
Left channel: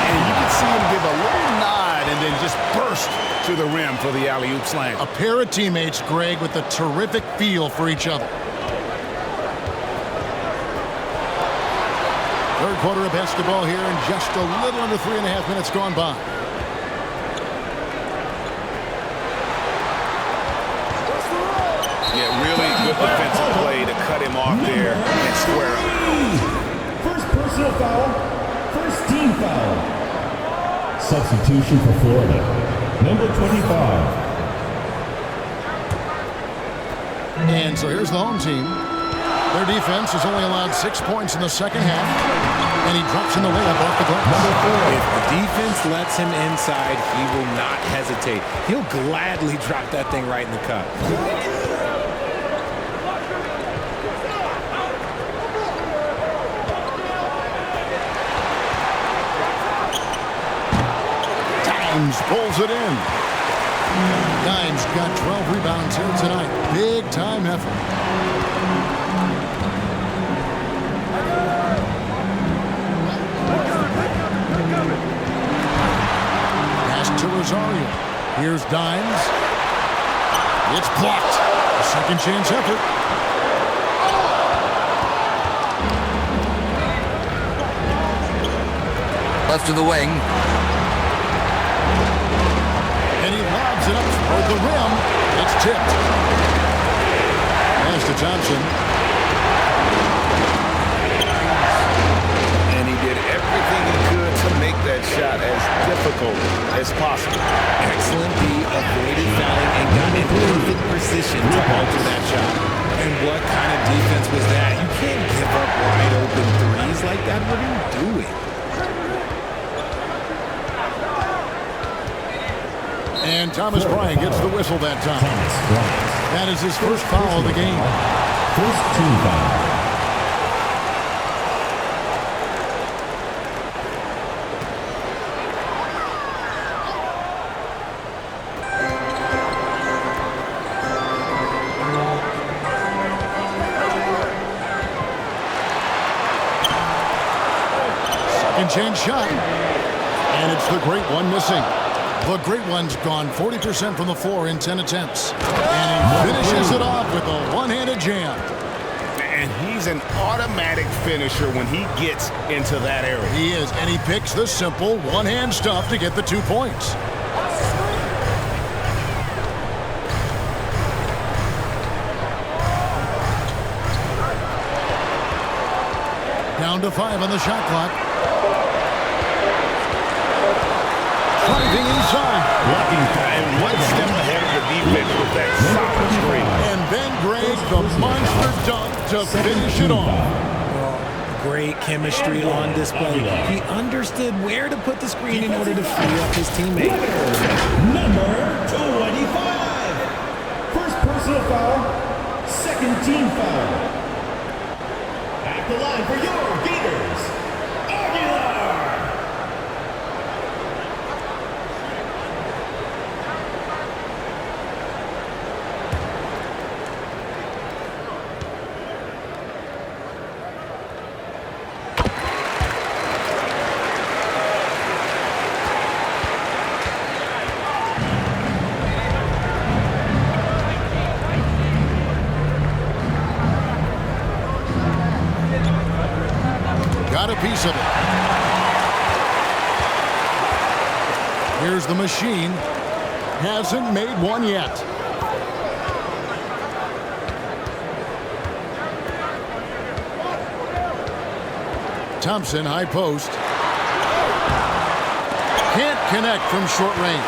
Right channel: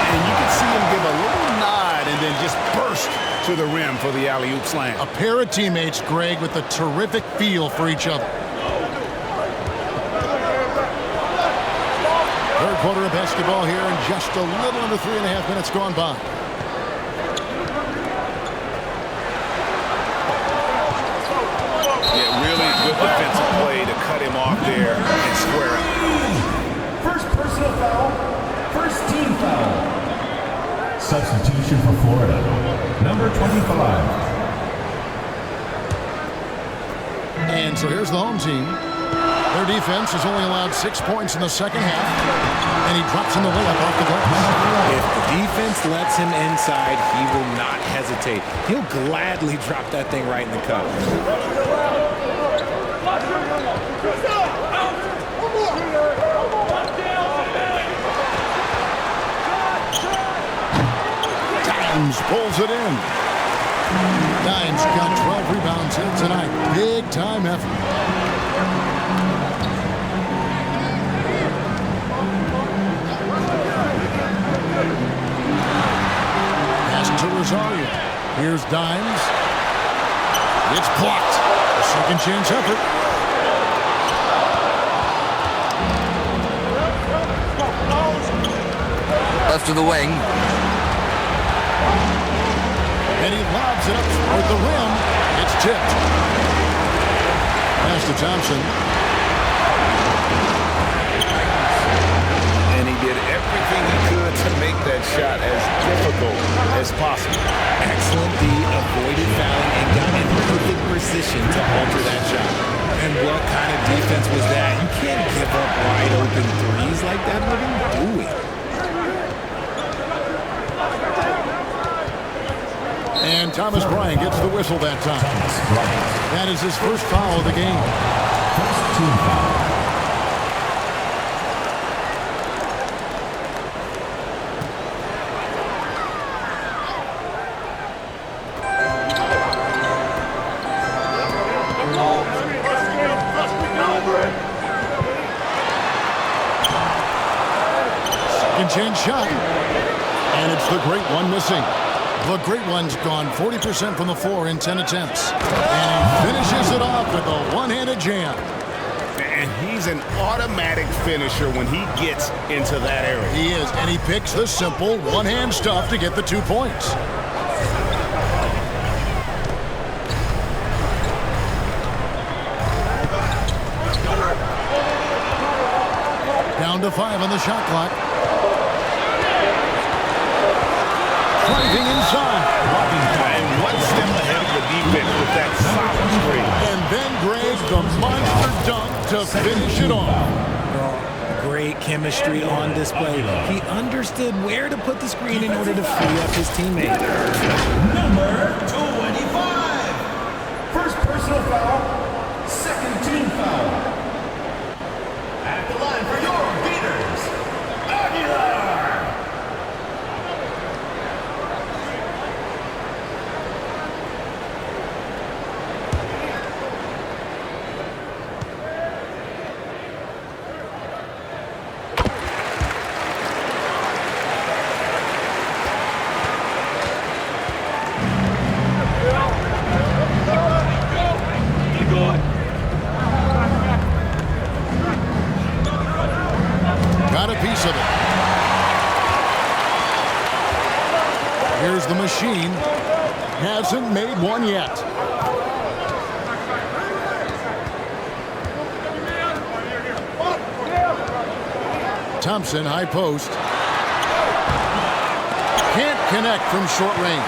And you can see him give a little nod and then just burst to the rim for the alley-oop slam. A pair of teammates, Greg, with a terrific feel for each other. Third quarter of basketball here, and just a little under 3.5 minutes gone by. Yeah, really good defensive play to cut him off there and square up. First personal foul. First team foul. Substitution for Florida. Number 25. And so here's the home team. Their defense has only allowed 6 points in the second half, and he drops in the layup off the glass. If the defense lets him inside, he will not hesitate. He'll gladly drop that thing right in the cup. Dimes pulls it in. Dimes got 12 rebounds here tonight. Big time effort. Pass to Rosario. Here's Dimes. It's blocked. A second chance effort. Left to the wing. And he lobs it up toward the rim. It's tipped. Pass to Thompson. And he did everything he could to make that shot as difficult as possible. Excellent D, avoided fouling, and got in perfect position to alter that shot. And what kind of defense was that? You can't give up wide open threes like that. What are you doing? And Thomas Bryant gets the whistle that time. That is his first foul of the game. First team foul. chance shot. And it's the great one missing. The great one's gone 40% from the floor in 10 attempts. And he finishes it off with a one-handed jam. And he's an automatic finisher when he gets into that area. He is, and he picks the simple one-hand stuff to get the 2 points. Down to 5 on the shot clock. Driving inside. And one step ahead of the defense with that solid screen. And then Greg, the monster dunk to finish it off. Great chemistry on display. He understood where to put the screen in order to free up his teammate. Number 25. First personal foul, second team foul. At the line for your Gators, Gilas. Got a piece of it. Here's the machine. Hasn't made one yet. Thompson, high post. Can't connect from short range.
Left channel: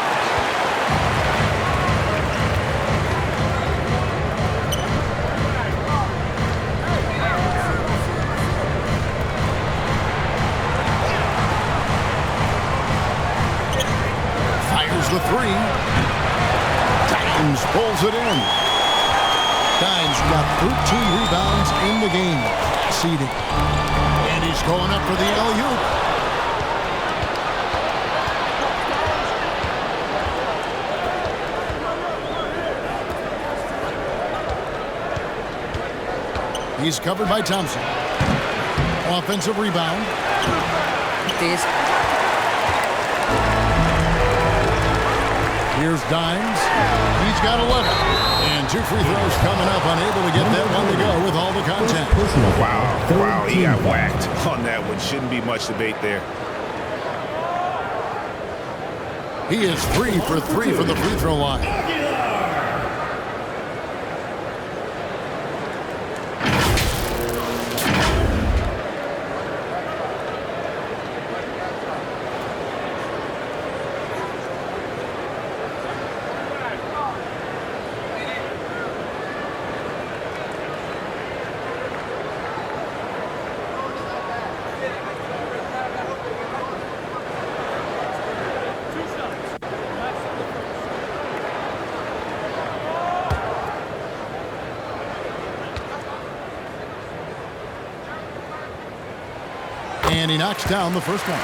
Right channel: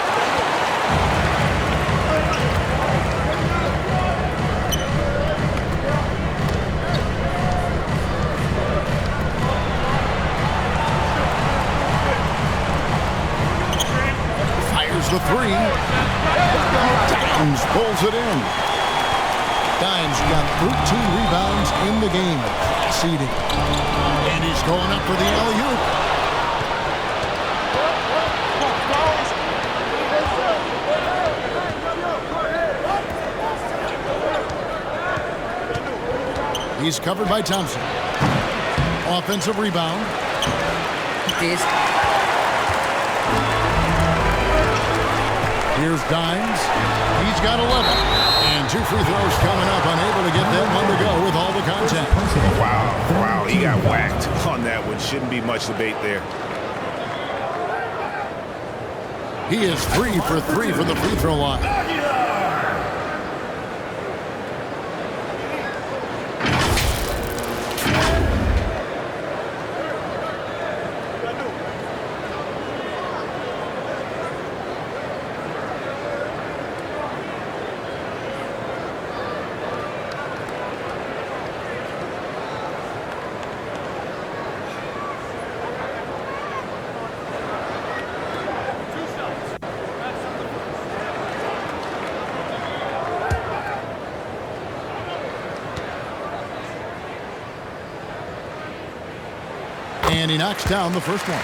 The 3. Dimes pulls it in. Dimes got 13 rebounds in the game. Seeding. And he's going up for the alley-oop. He's covered by Thompson. Offensive rebound. Here's Dimes. He's got 11. And 2 free throws coming up. Unable to get that one to go with all the contact. Wow, he got whacked on that one. Shouldn't be much debate there. He is 3 for 3 from the free throw line. And he knocks down the first one.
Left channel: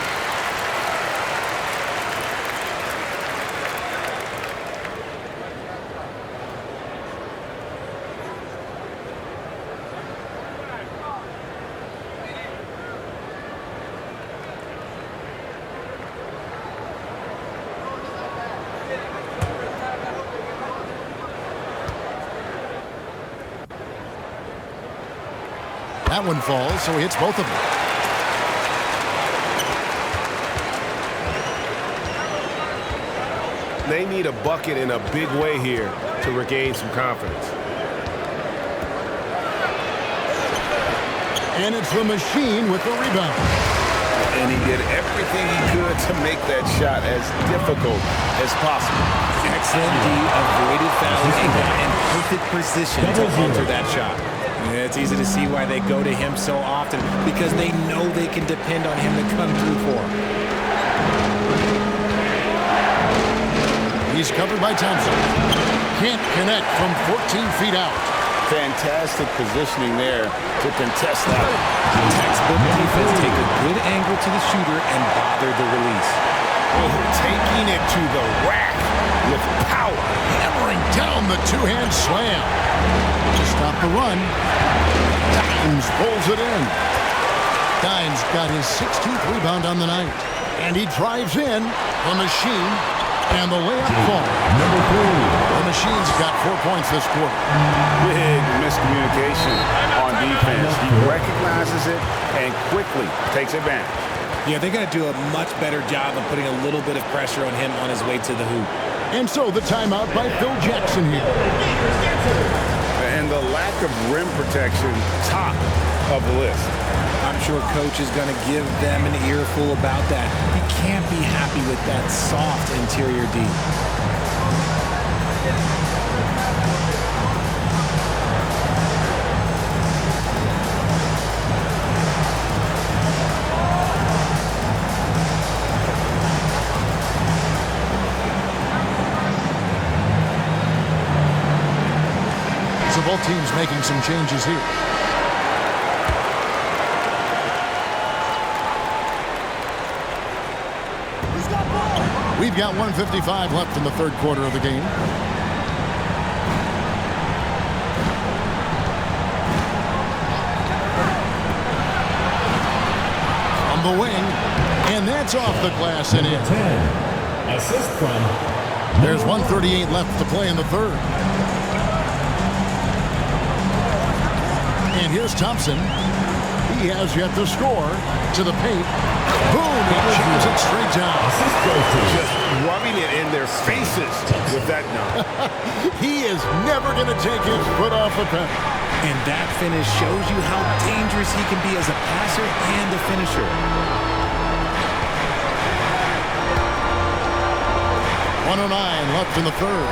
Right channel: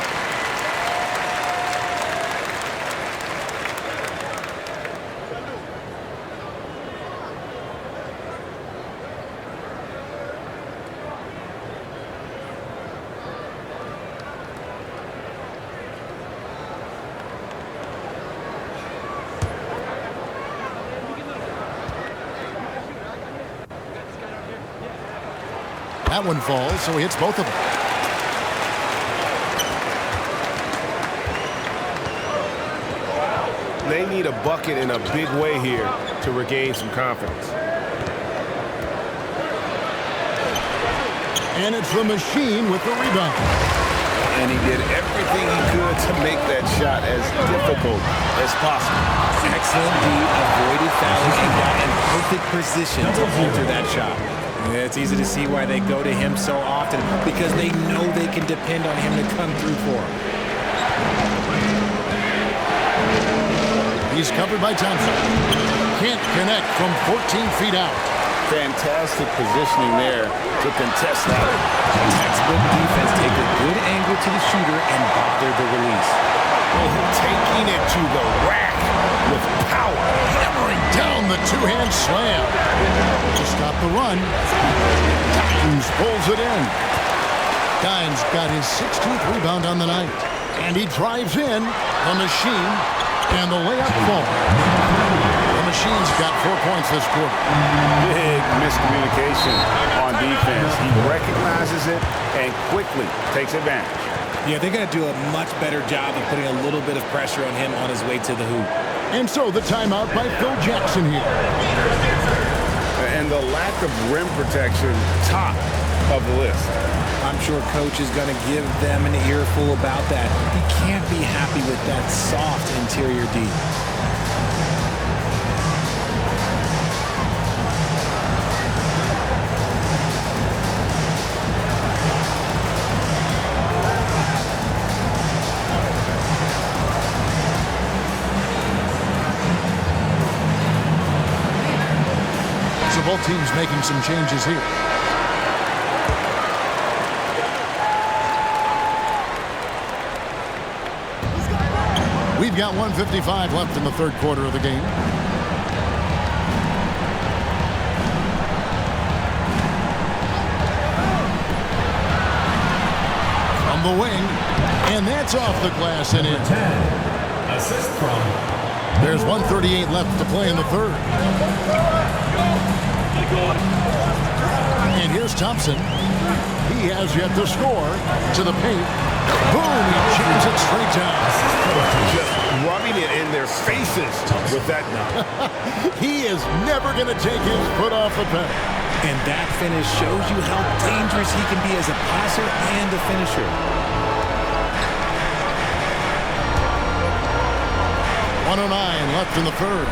That one falls, so he hits both of them. They need a bucket in a big way here to regain some confidence. And it's the machine with the rebound. And he did everything he could to make that shot as difficult as possible. Excellent D, avoided fouling and got in perfect position to alter that shot. Yeah, it's easy to see why they go to him so often, because they know they can depend on him to come through for them. He's covered by Thompson. Can't connect from 14 feet out. Fantastic positioning there to contest that. Textbook defense. Take a good angle to the shooter and bother the release. Oh, taking it to the rack with power. Hammering down the two-hand slam. To stop the run. Dimes pulls it in. Dimes got his 16th rebound on the night. And he drives in. The machine. And the layup falls. The machine's got 4 points this quarter. Big miscommunication on defense. He recognizes it and quickly takes advantage. Yeah, they're going to do a much better job of putting a little bit of pressure on him on his way to the hoop. And so the timeout by Phil Jackson here. And the lack of rim protection, top of the list. I'm sure coach is going to give them an earful about that. He can't be happy with that soft interior D. So both teams making some changes here. We've got 1:55 left in the third quarter of the game. From the wing, and that's off the glass and in. 10. Assist from. There's 1:38 left to play in the third. And here's Thompson. He has yet to score. To the paint. Boom! He jams it straight down. Just rubbing it in their faces with that dunk. He is never going to take his foot off the pedal. And that finish shows you how dangerous he can be as a passer and a finisher. 1:09 left in the third.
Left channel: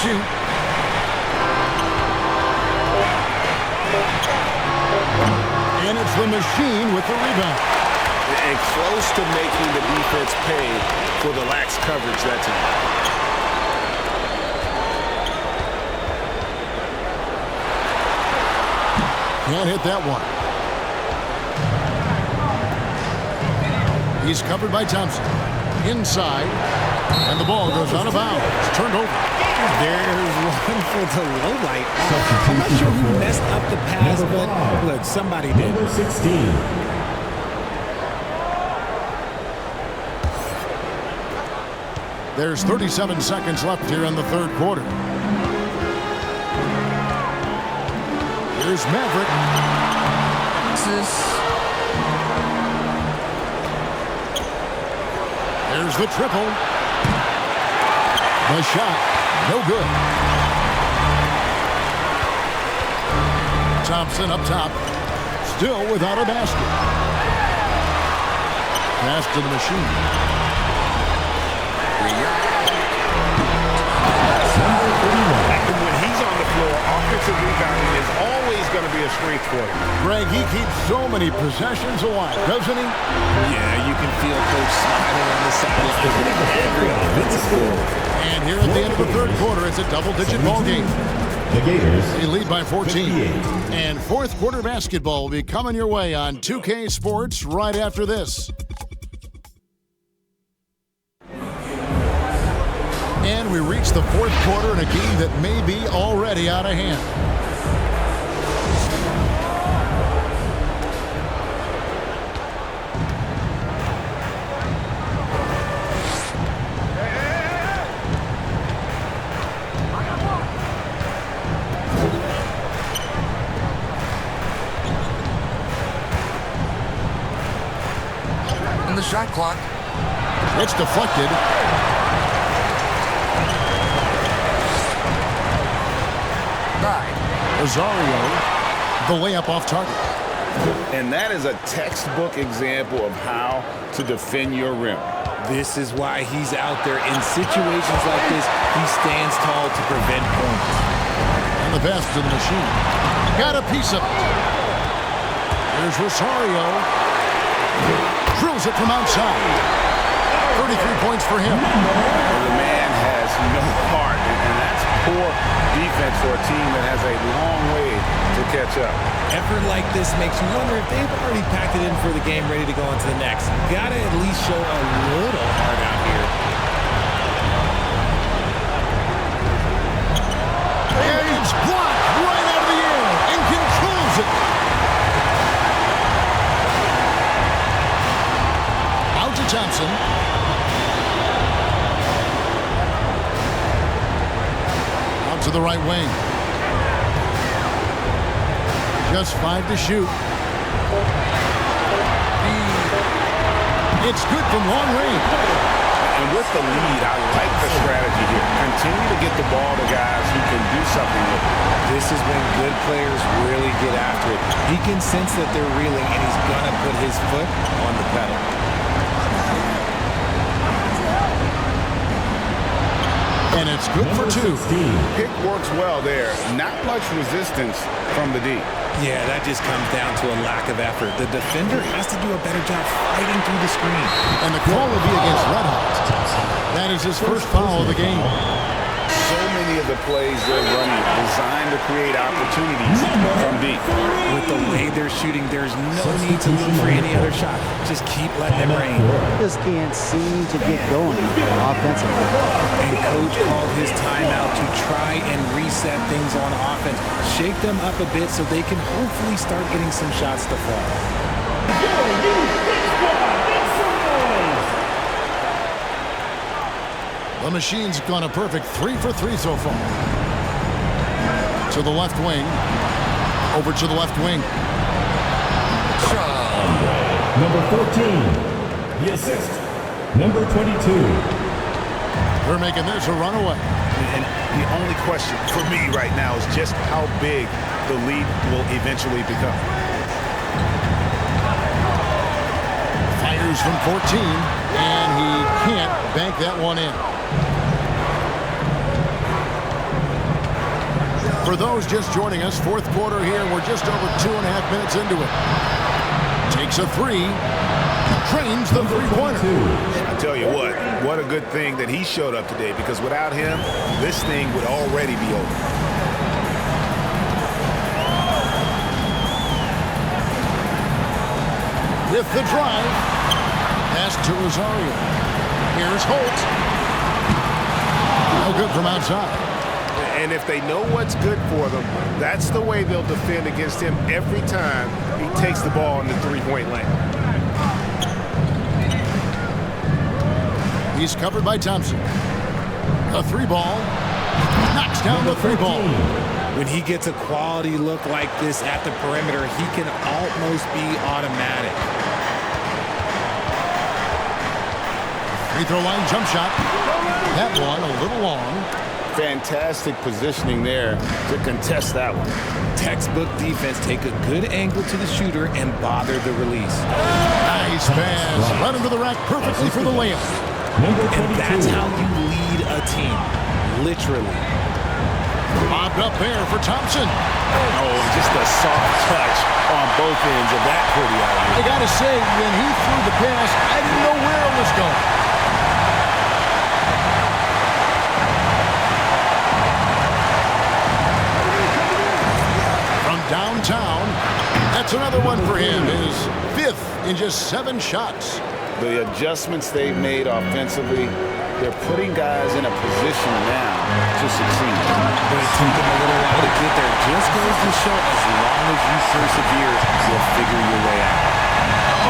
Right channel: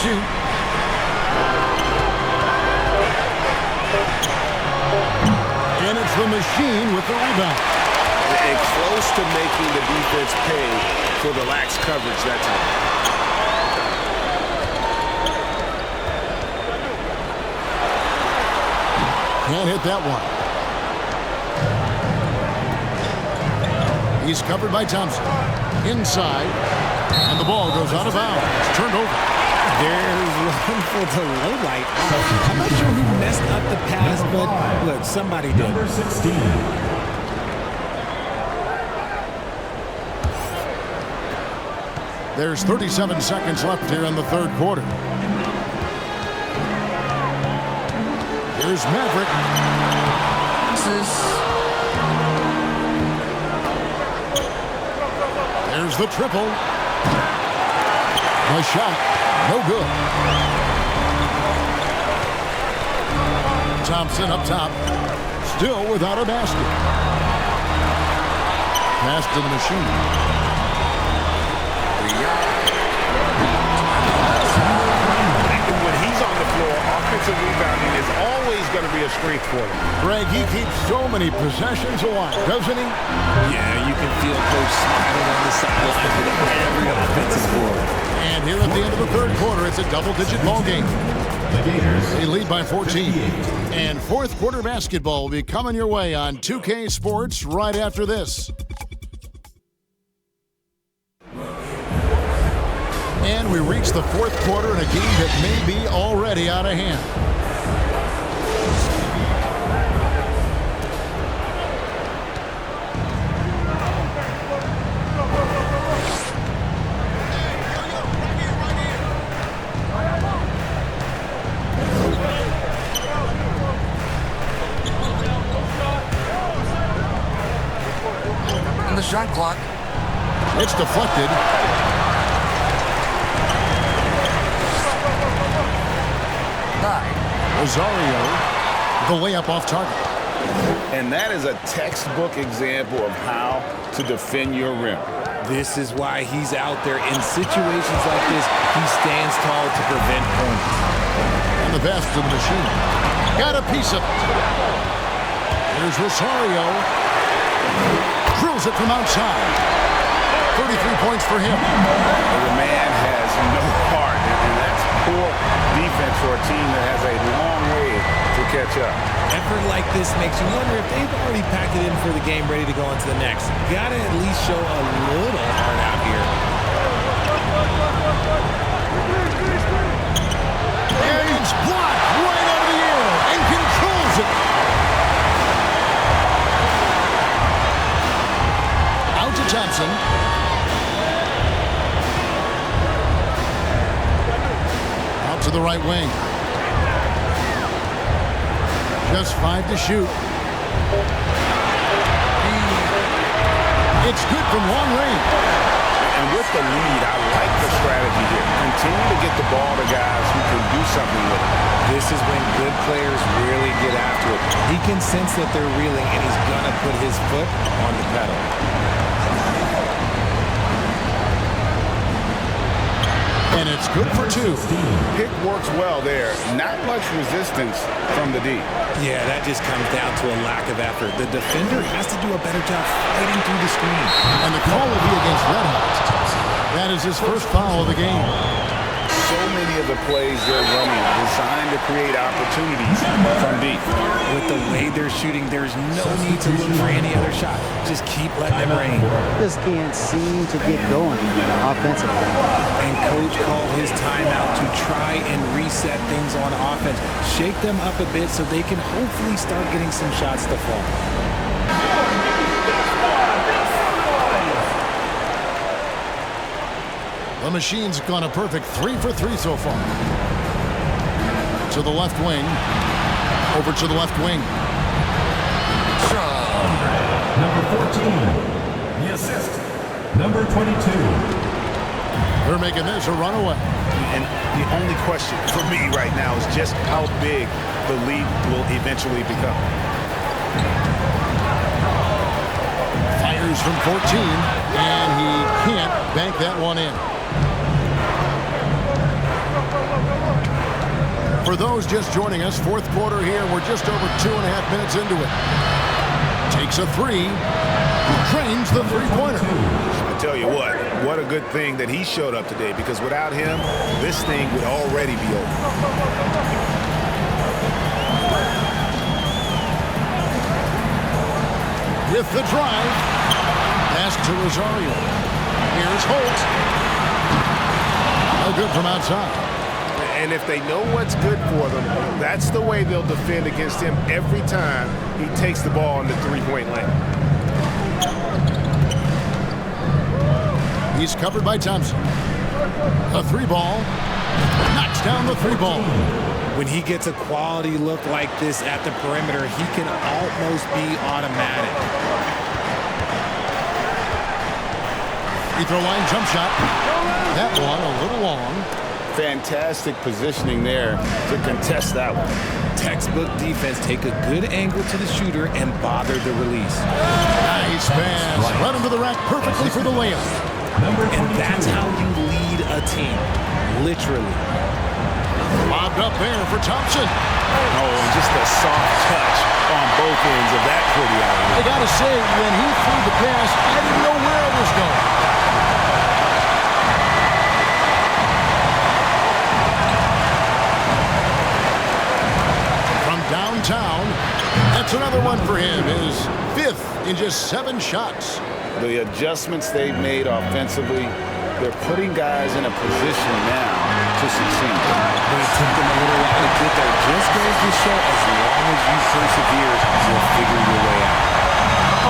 Shoot. And it's the machine with the rebound. And close to making the defense pay for the lax coverage that time. Can't hit that one. He's covered by Thompson. Inside. And the ball goes out of bounds. It's turned over. There's one for the low light. I'm not sure who messed up the pass, but look, somebody did. Number 16. There's 37 seconds left here in the third quarter. Here's Maverick. There's the triple. The shot. No good. Thompson up top. Still without a basket. Pass to the machine. And when he's on the floor, offensive rebounding is always going to be a strength for him. Greg, he keeps so many possessions alive, doesn't he? Yeah, you can feel Coach smiling on the sidelines with every offensive board. And here at the end of the third quarter, it's a double-digit ball game. The Gators. They lead by 14. 58. And fourth quarter basketball will be coming your way on 2K Sports right after this. And we reach the fourth quarter in a game that may be already out of hand. And the shot clock. It's deflected. Rosario, the layup off target. And that is a textbook example of how to defend your rim. This is why he's out there in situations like this. He stands tall to prevent points. And the pass to the machine. Got a piece of it. Here's Rosario. Drills it from outside. 33 points for him. And the man has no heart, and that's poor defense for a team that has a long way to catch up. Effort like this makes you wonder if they've already packed it in for the game, ready to go on to the next. Gotta at least show a little heart out here. And it's blocked right out of the air and controls it. Out to Thompson. Out to the right wing. Just 5 to shoot. It's good from long range. And with the lead, I like the strategy here. Continue to get the ball to guys who can do something with it. This is when good players really get after it. He can sense that they're reeling, and he's going to put his foot on the pedal. And it's good for 2. Pick works well there. Not much resistance from the D. Yeah, that just comes down to a lack of effort. The defender has to do a better job fighting through the screen. And the call will be against Red Hot. That is his first foul of the game. So many of the plays they're running designed to create opportunities from deep. With the way they're shooting, there's no need to look for any other shot. Just keep letting them rain. Just can't seem to get going offensively. And coach called his timeout to try and reset things on offense. Shake them up a bit so they can hopefully start getting some shots to fall. The Machine's gone a perfect 3 for 3 so far. To the left wing. Over to the left wing. Number 14. The assist. Number 22. They're making this a runaway. And the only question for me right now is just how big the lead will eventually become. Fires from 14, and he can't bank that one in. For those just joining us, fourth quarter here. We're just over 2.5 minutes into it. Takes a 3. Trains the three-pointer. I tell you what a good thing that he showed up today, because without him, this thing would already be over. With the drive. Pass to Rosario. Here's Holt. No good from outside. And if they know what's good for them, that's the way they'll defend against him every time he takes the ball in the three-point lane. He's covered by Thompson. A 3-ball. Knocks down the 3-ball. When he gets a quality look like this at the perimeter, he can almost be automatic. Free throw line jump shot. That one a little long. Fantastic positioning there to contest that one. Textbook defense. Take a good angle to the shooter and bother the release. Nice pass. Led him to the rack perfectly for the layup. And that's how you lead a team. Literally. Lobbed up there for Thompson. Oh, and just a soft touch on both ends of that pretty alley. I got to say, when he threw the pass, I didn't know where it was going. From downtown, that's another one for him. His 5th in just 7 shots. The adjustments they've made offensively, they're putting guys in a position now to succeed. But it took them a little while to get there. Just goes to show, as long as you persevere, you'll figure your way out.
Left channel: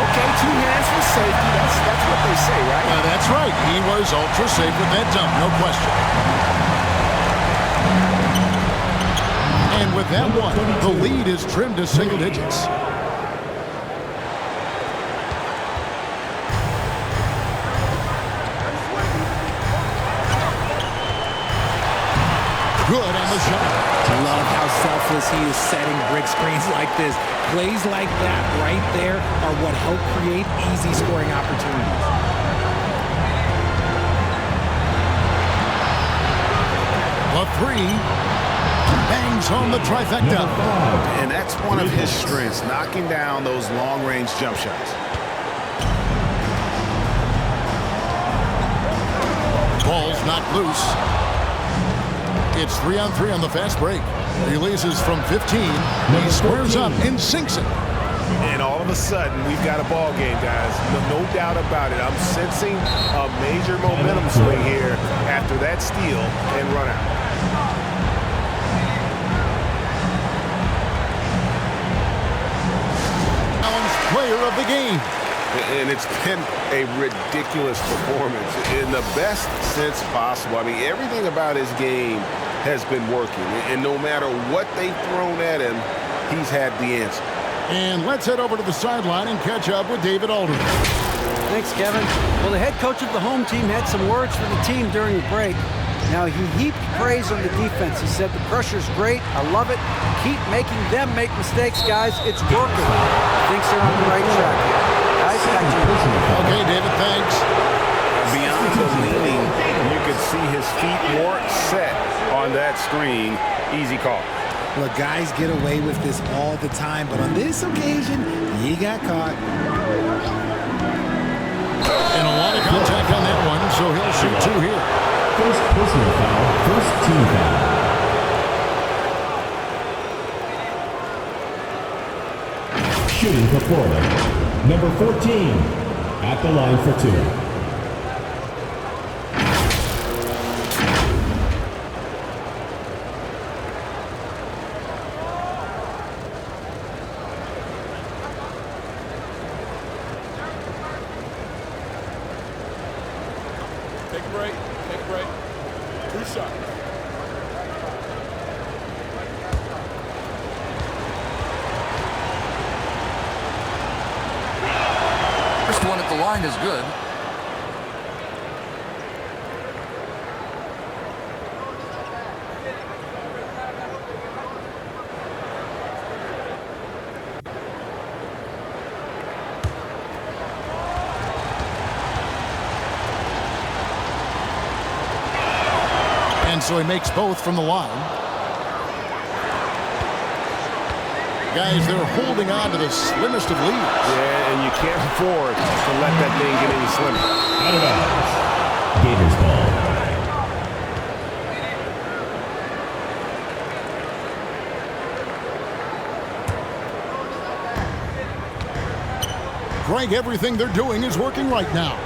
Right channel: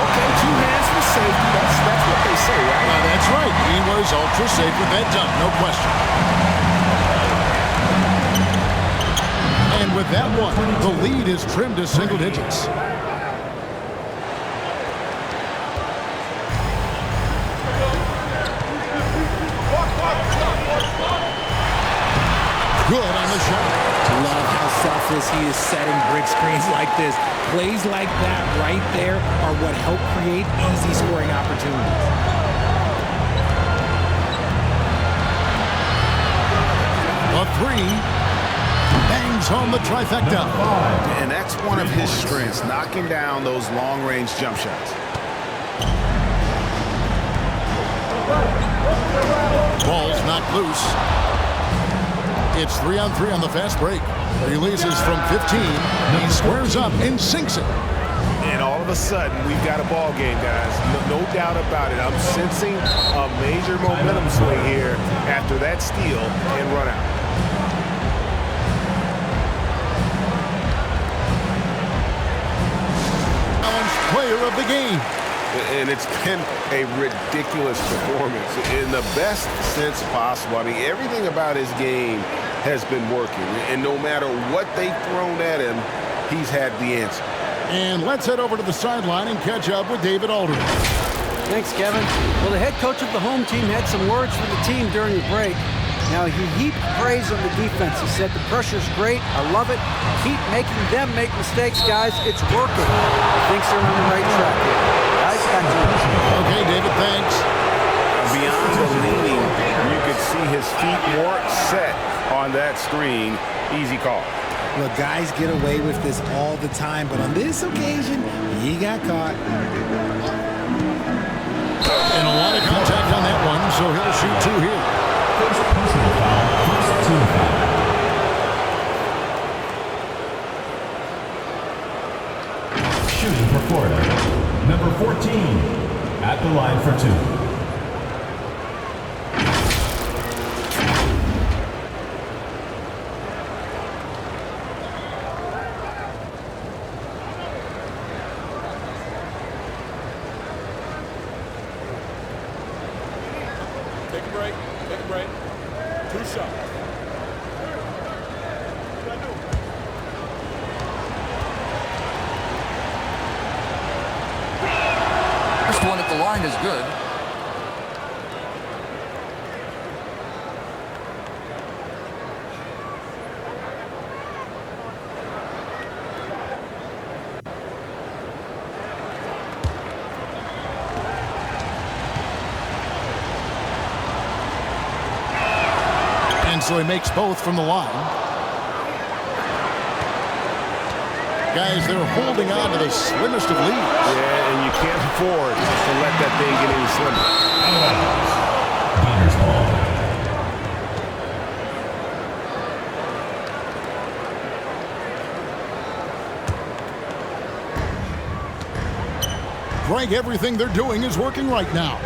Okay, 2 hands for safety. That's what they say, right? That's right. He was ultra safe with that dunk, no question. And with that one, the lead is trimmed to single digits. Good on the shot. Love how selfless he is setting brick screens like this. Plays like that right there are what help create easy scoring opportunities. The 3. Bangs home the trifecta. And that's one of his strengths, knocking down those long-range jump shots. Ball's knocked loose. It's 3-on-3 on the fast break. Releases from 15. He squares up and sinks it. And all of a sudden, we've got a ball game, guys. No doubt about it. I'm sensing a major momentum swing here after that steal and run out. Player of the game. And it's been a ridiculous performance in the best sense possible. I mean, everything about his game has been working. And no matter what they've thrown at him, he's had the answer. And let's head over to the sideline and catch up with David Aldridge. Thanks, Kevin. Well, the head coach of the home team had some words for the team during the break. Now, he heaped praise on the defense. He said, the pressure's great. I love it. Keep making them make mistakes, guys. It's working. He thinks they're on the right track here. Guys, back to you. Okay, David, thanks. Beyond the leaning, you could see his feet weren't set on that screen. Easy call. Look, guys get away with this all the time, but on this occasion, he got caught. And a lot of contact on that one, so he'll shoot 2 here. First personal foul, first team foul. Shooting for Florida, number 14, at the line for 2. Take a break. Take a break. 2 shots. First one at the line is good. And so he makes both from the line. Guys, they're holding on to the slimmest of leads. Yeah, and you can't afford to let that thing get any slimmer. Out of bounds. Gators ball. Greg, everything they're doing is working right now.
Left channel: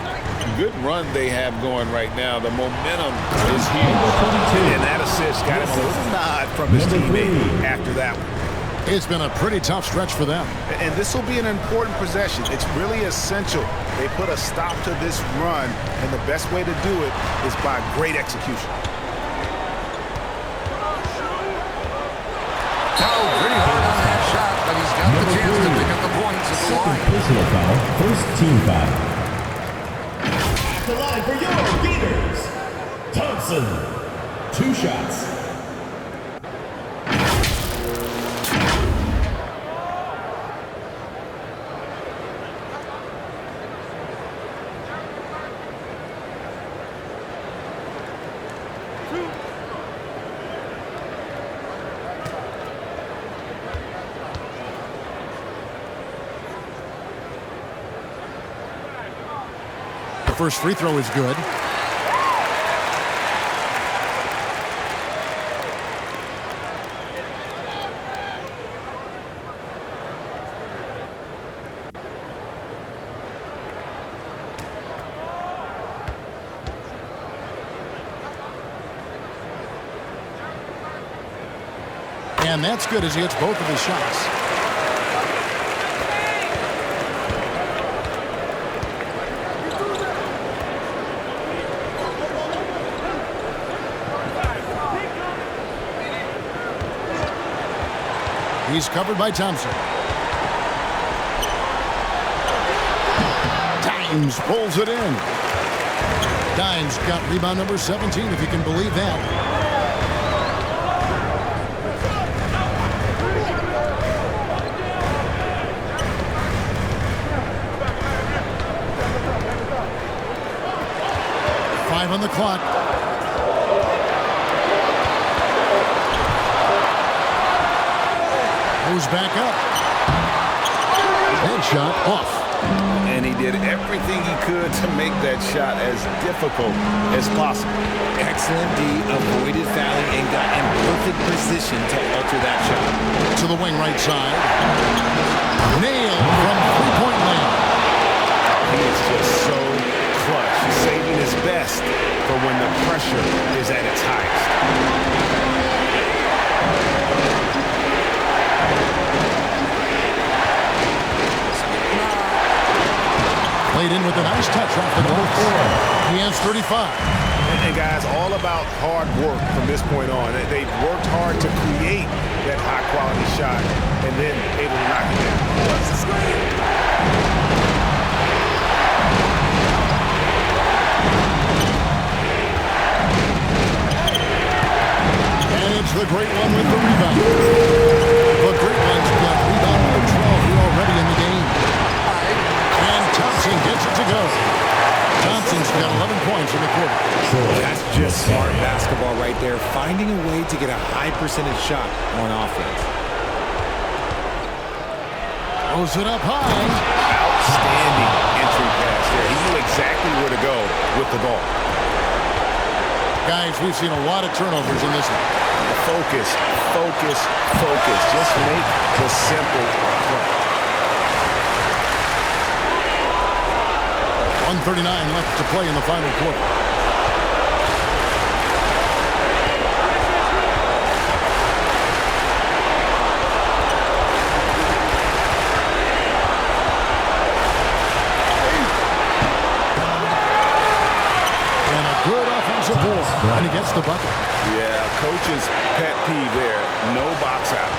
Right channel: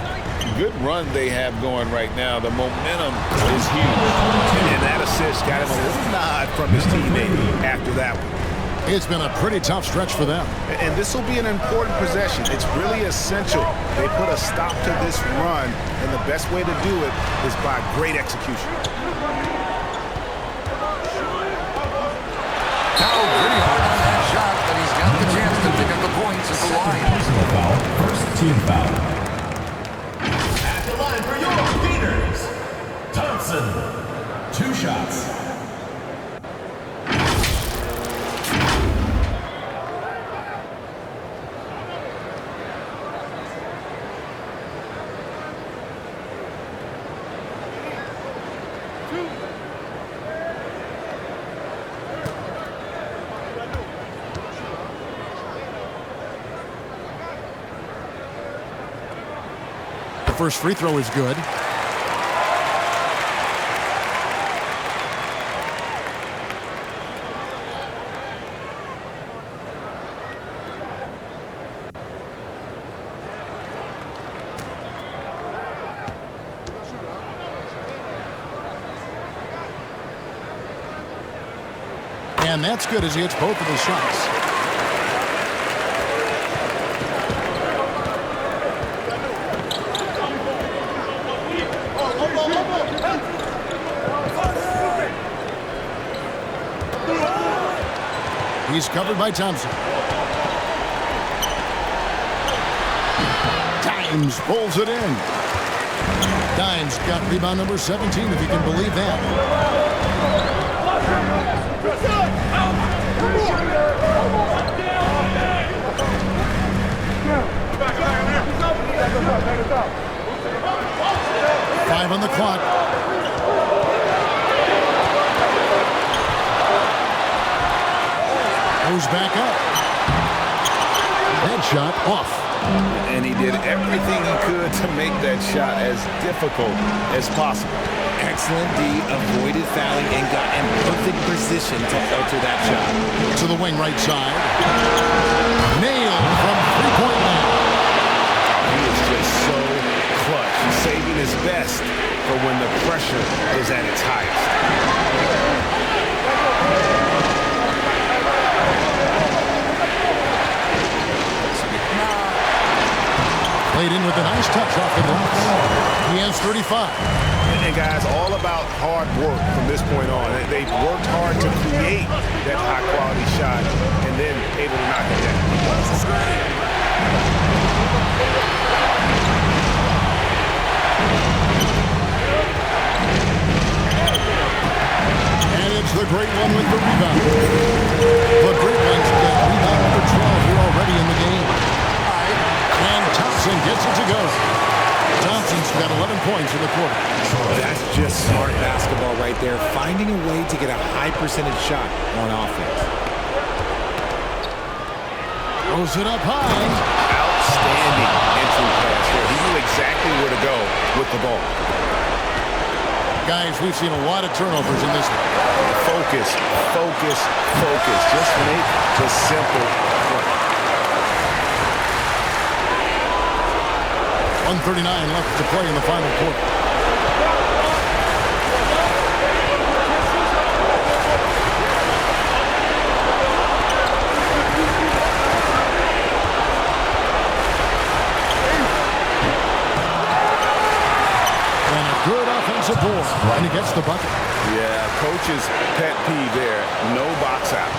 Good run they have going right now. The momentum is huge. And that assist got him a little nod from his teammate after that one. It's been a pretty tough stretch for them. And this will be an important possession. It's really essential. They put a stop to this run, and the best way to do it is by great execution. Fouled pretty hard on that shot, but he's got the chance to pick up the points at the line. Personal foul, first team foul. At the line for your Gators, Thompson. 2 shots. The first free throw is good. And that's good as he hits both of his shots. He's covered by Thompson. Dimes pulls it in. Dimes got rebound number 17, if you can believe that. Five on the clock. Goes back up. That shot off. And he did everything he could to make that shot as difficult as possible. Excellent D, avoided fouling and got in perfect position to alter that shot. To the wing right side. Nailed from three-point land. Oh, he is just so clutch. He's saving his best for when the pressure is at its highest. Played in with a nice touch off the glass. He has 35. And guys, all about hard work from this point on. They've worked hard to create that high-quality shot and then able to knock it down. What's the screen? And it's the Great One with the rebound. The Great One's got rebound number 12 here already in the game. And Thompson gets it to go. Thompson's got 11 points in the quarter. That's just smart basketball right there, finding a way to get a high percentage shot on offense. Throws it up high. Outstanding entry pass there. He knew exactly where to go with the ball. Guys, we've seen a lot of turnovers in this one. Focus, focus, focus. Just make the simple play. 1:39 left to play in the final quarter. And a good offensive board, and he gets the bucket. Yeah, coach's pet peeve there. No box out.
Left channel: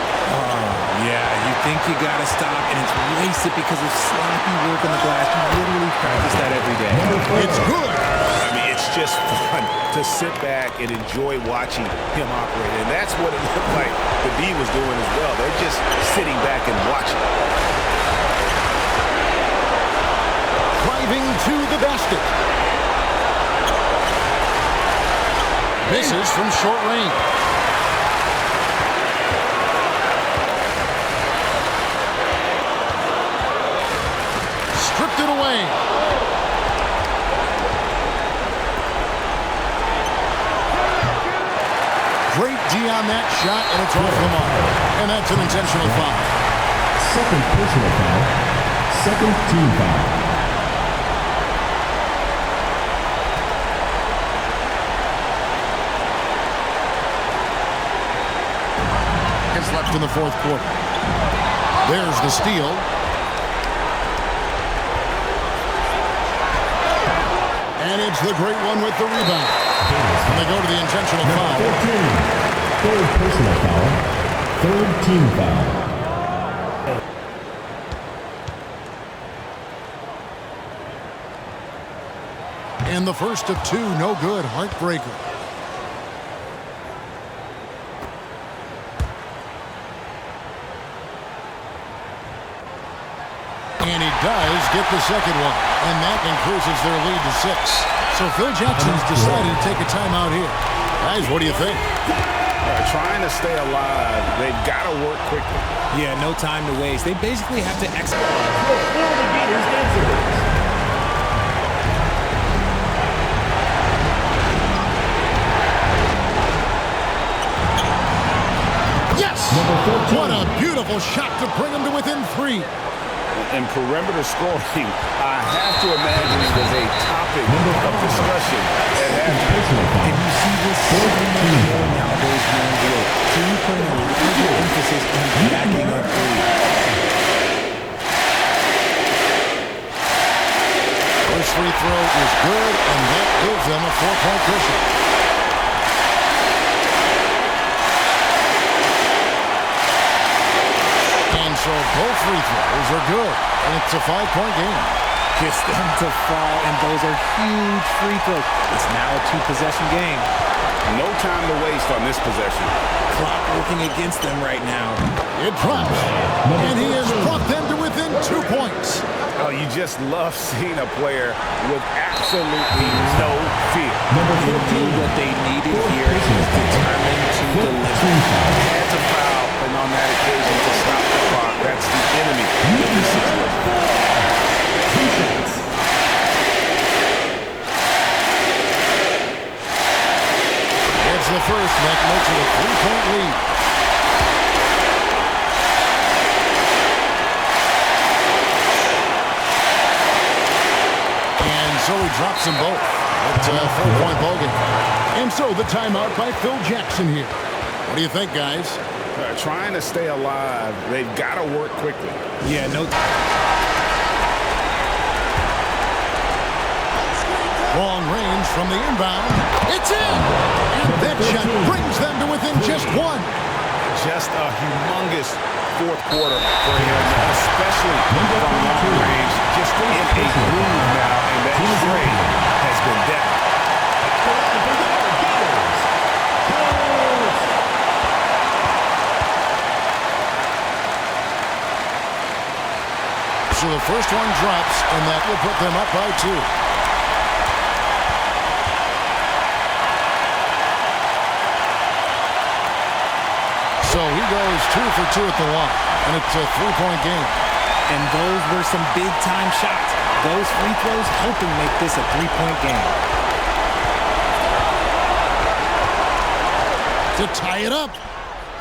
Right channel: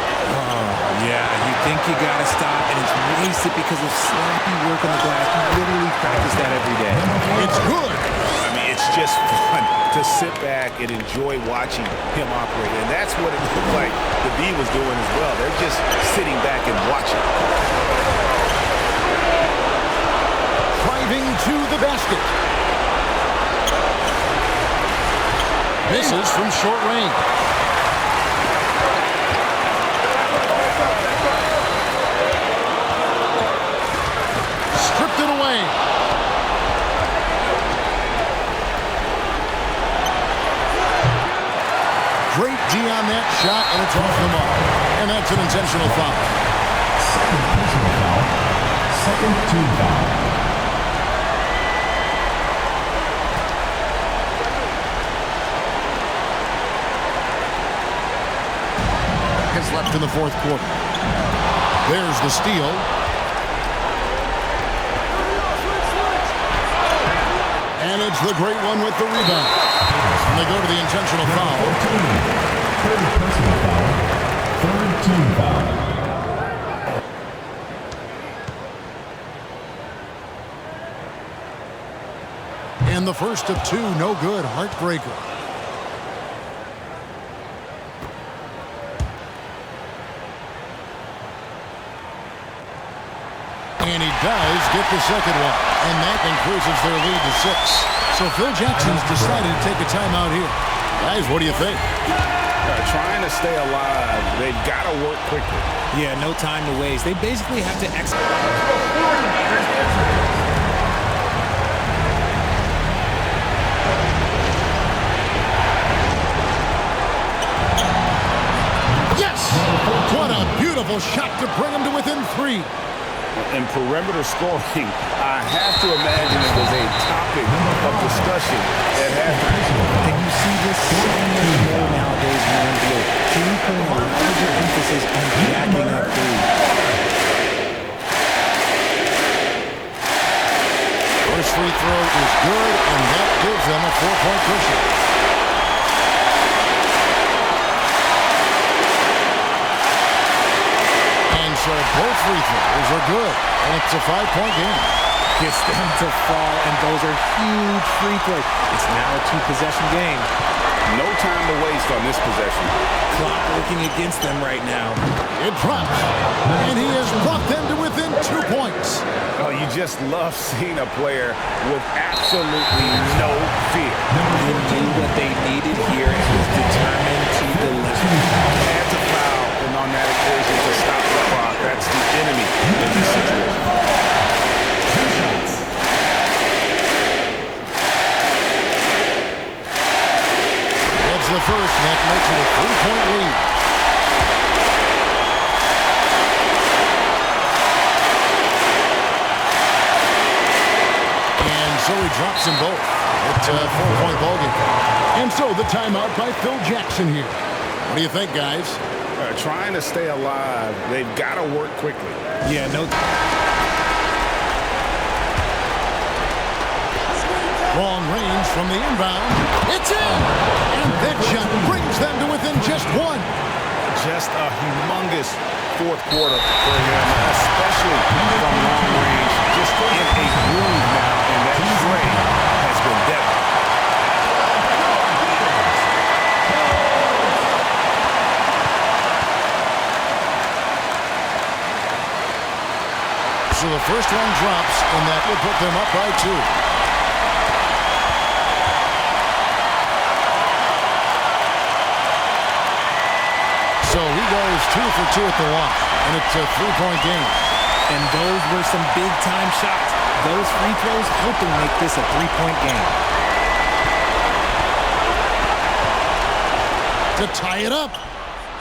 Yeah, you think you got to stop, and it's wasted because of sloppy work on the glass. You literally practice that every day. It's good. I mean, it's just fun to sit back and enjoy watching him operate. And that's what it looked like the D was doing as well. They're just sitting back and watching. Driving to the basket. Misses from short range. Stripped it away. Great D on that shot, and it's off the mark. And that's an intentional foul. Second personal foul. Second team foul. Left in the fourth quarter. There's the steal. And it's the Great One with the rebound. And they go to the intentional foul. 13. Third personal foul. Third team foul. And the first of two, no good. Heartbreaker. And he does get the second one. And that increases their lead to 6. So Phil Jackson's decided to take a timeout here. Guys, what do you think? Trying to stay alive. They've got to work quickly. Yeah, no time to waste. They basically have to execute. Yes! What a beautiful shot to bring him to within 3. And perimeter scoring, I have to imagine it was a topic of discussion at halftime. And you see this so much more nowadays in the NBA. Teams putting a larger emphasis on jacking up threes. First free throw is good, and that gives them a 4-point cushion. And so both free throws are good, and it's a 5-point game. Gets them to fall, and those are huge free throws. It's now a 2-possession game. No time to waste on this possession. Clock working against them right now. It drops, and he has brought them to within 2 points. Oh, you just love seeing a player with absolutely no fear. They knew what they needed here and was determined to deliver. Had to foul, and on that occasion to stop the clock. That's the enemy in this situation. It's the first, and that makes it a 3-point lead. And so he drops them both. It's a 4-point ballgame. And so the timeout by Phil Jackson here. What do you think, guys? Trying to stay alive. They've got to work quickly. Yeah, no. Long range from the inbound. It's in! And that shot brings them to within just one. Just a humongous fourth quarter for him, especially from long range. Just in a groove now, and that trade has been deadly. So the first one drops, and that will put them up by 2. So he goes 2 for 2 at the line, and it's a 3-point game. And those were some big-time shots. Those free throws helping make this a 3-point game. To tie it up.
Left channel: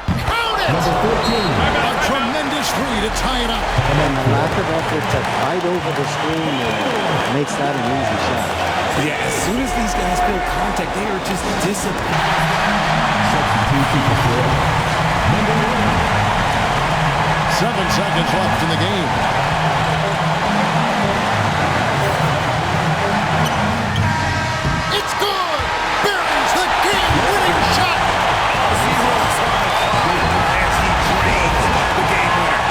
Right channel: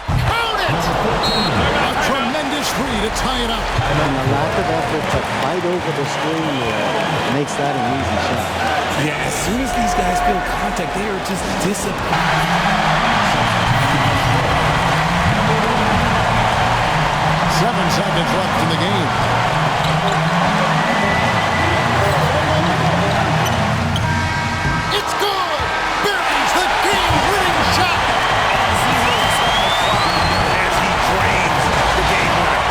Count it! A tremendous three to tie it up. And the lack of effort to fight over the screen there makes that an easy shot. Yeah, as soon as these guys feel contact, they are just disappearing. 7 seconds left in the game. It's good! Buries the game-winning shot! All zeros on the clock as he drains the game winner.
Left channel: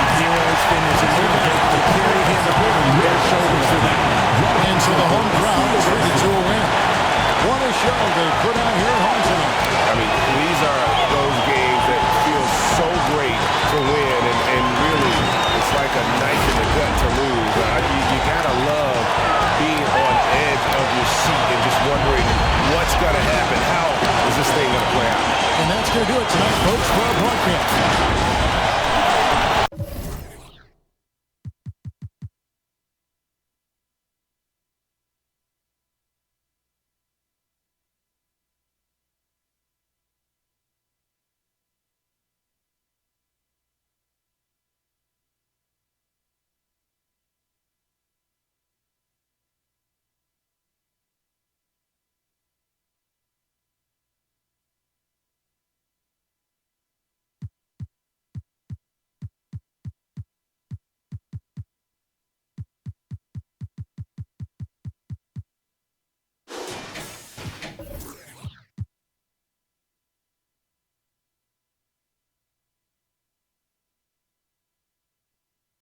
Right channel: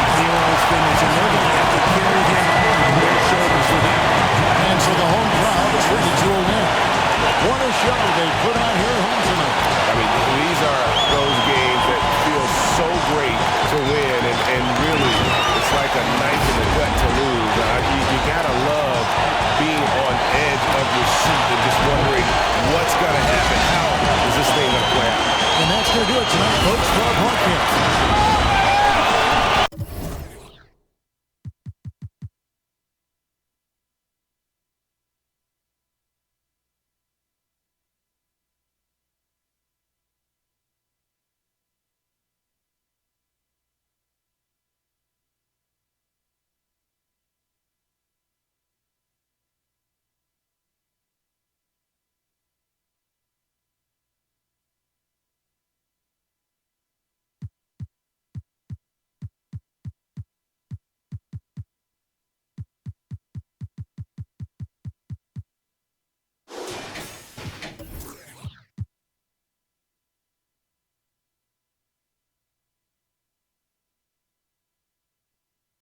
The heroes finish, and they're going to have to carry him off on their shoulders for that one. And so the home crowd is treated to a win. What a show they put on here at home tonight. I mean, these are those games that feel so great to win, and really, it's like a knife in the gut to lose. You gotta love being on edge of your seat and just wondering what's gonna happen. How is this thing gonna play out? And that's gonna do it tonight, folks, for our broadcast.